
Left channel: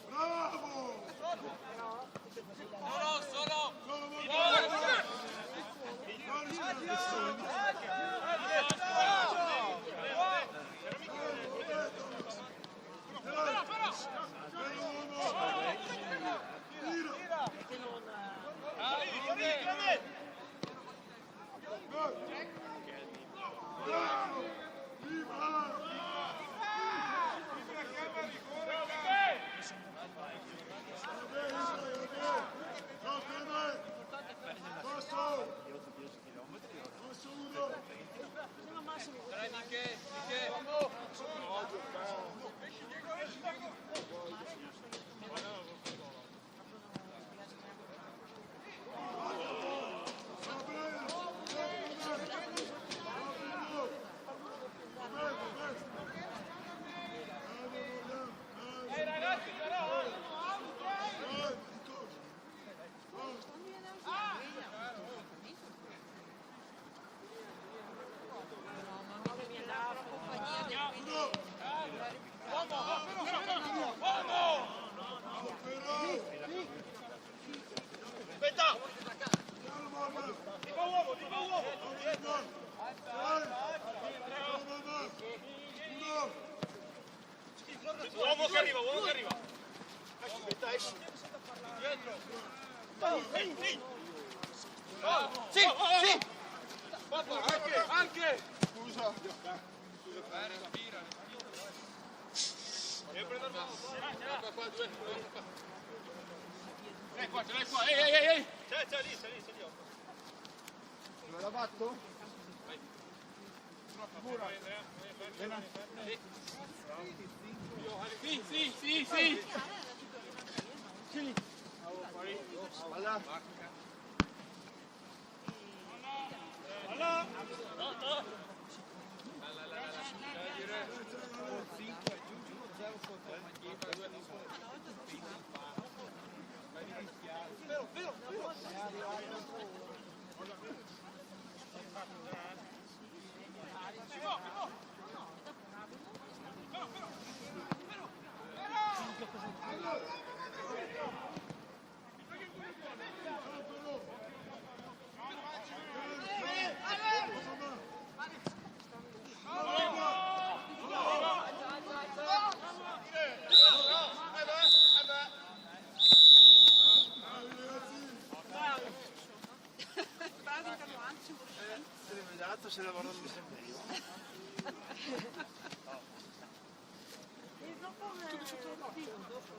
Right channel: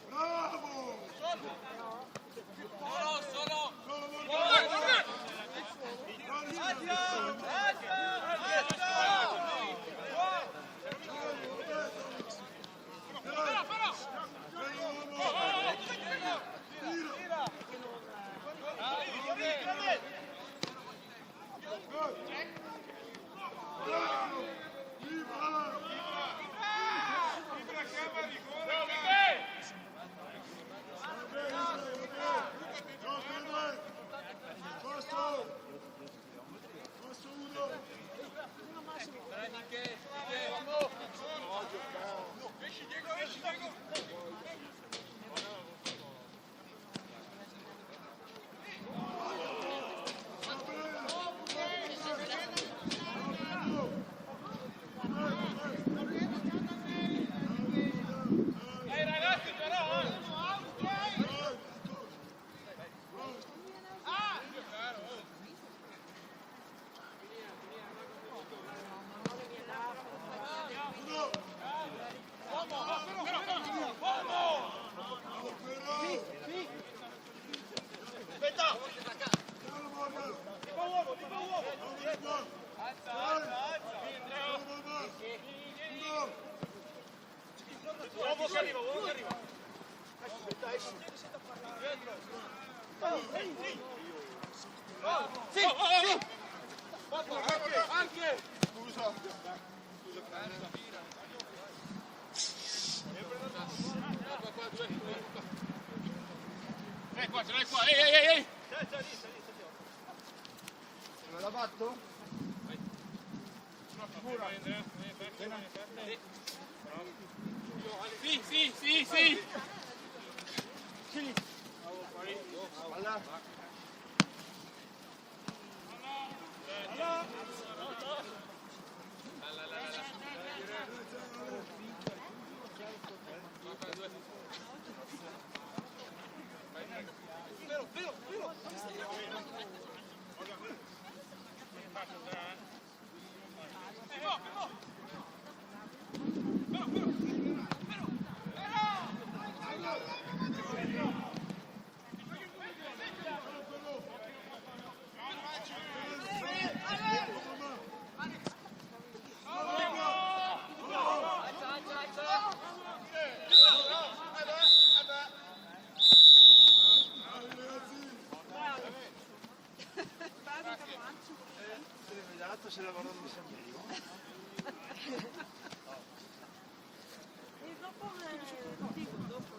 Bravo! Solo! Solo Morgan! Passo uno! Dai Michele! Uomo che arriva! Sì! Anche! Scusa! Qua, due qua. Ce l'hai qua, ehi! Me la batto? Sicura? Sì! Alla. Ragazzo se lavora in sombrero. E dopo dopo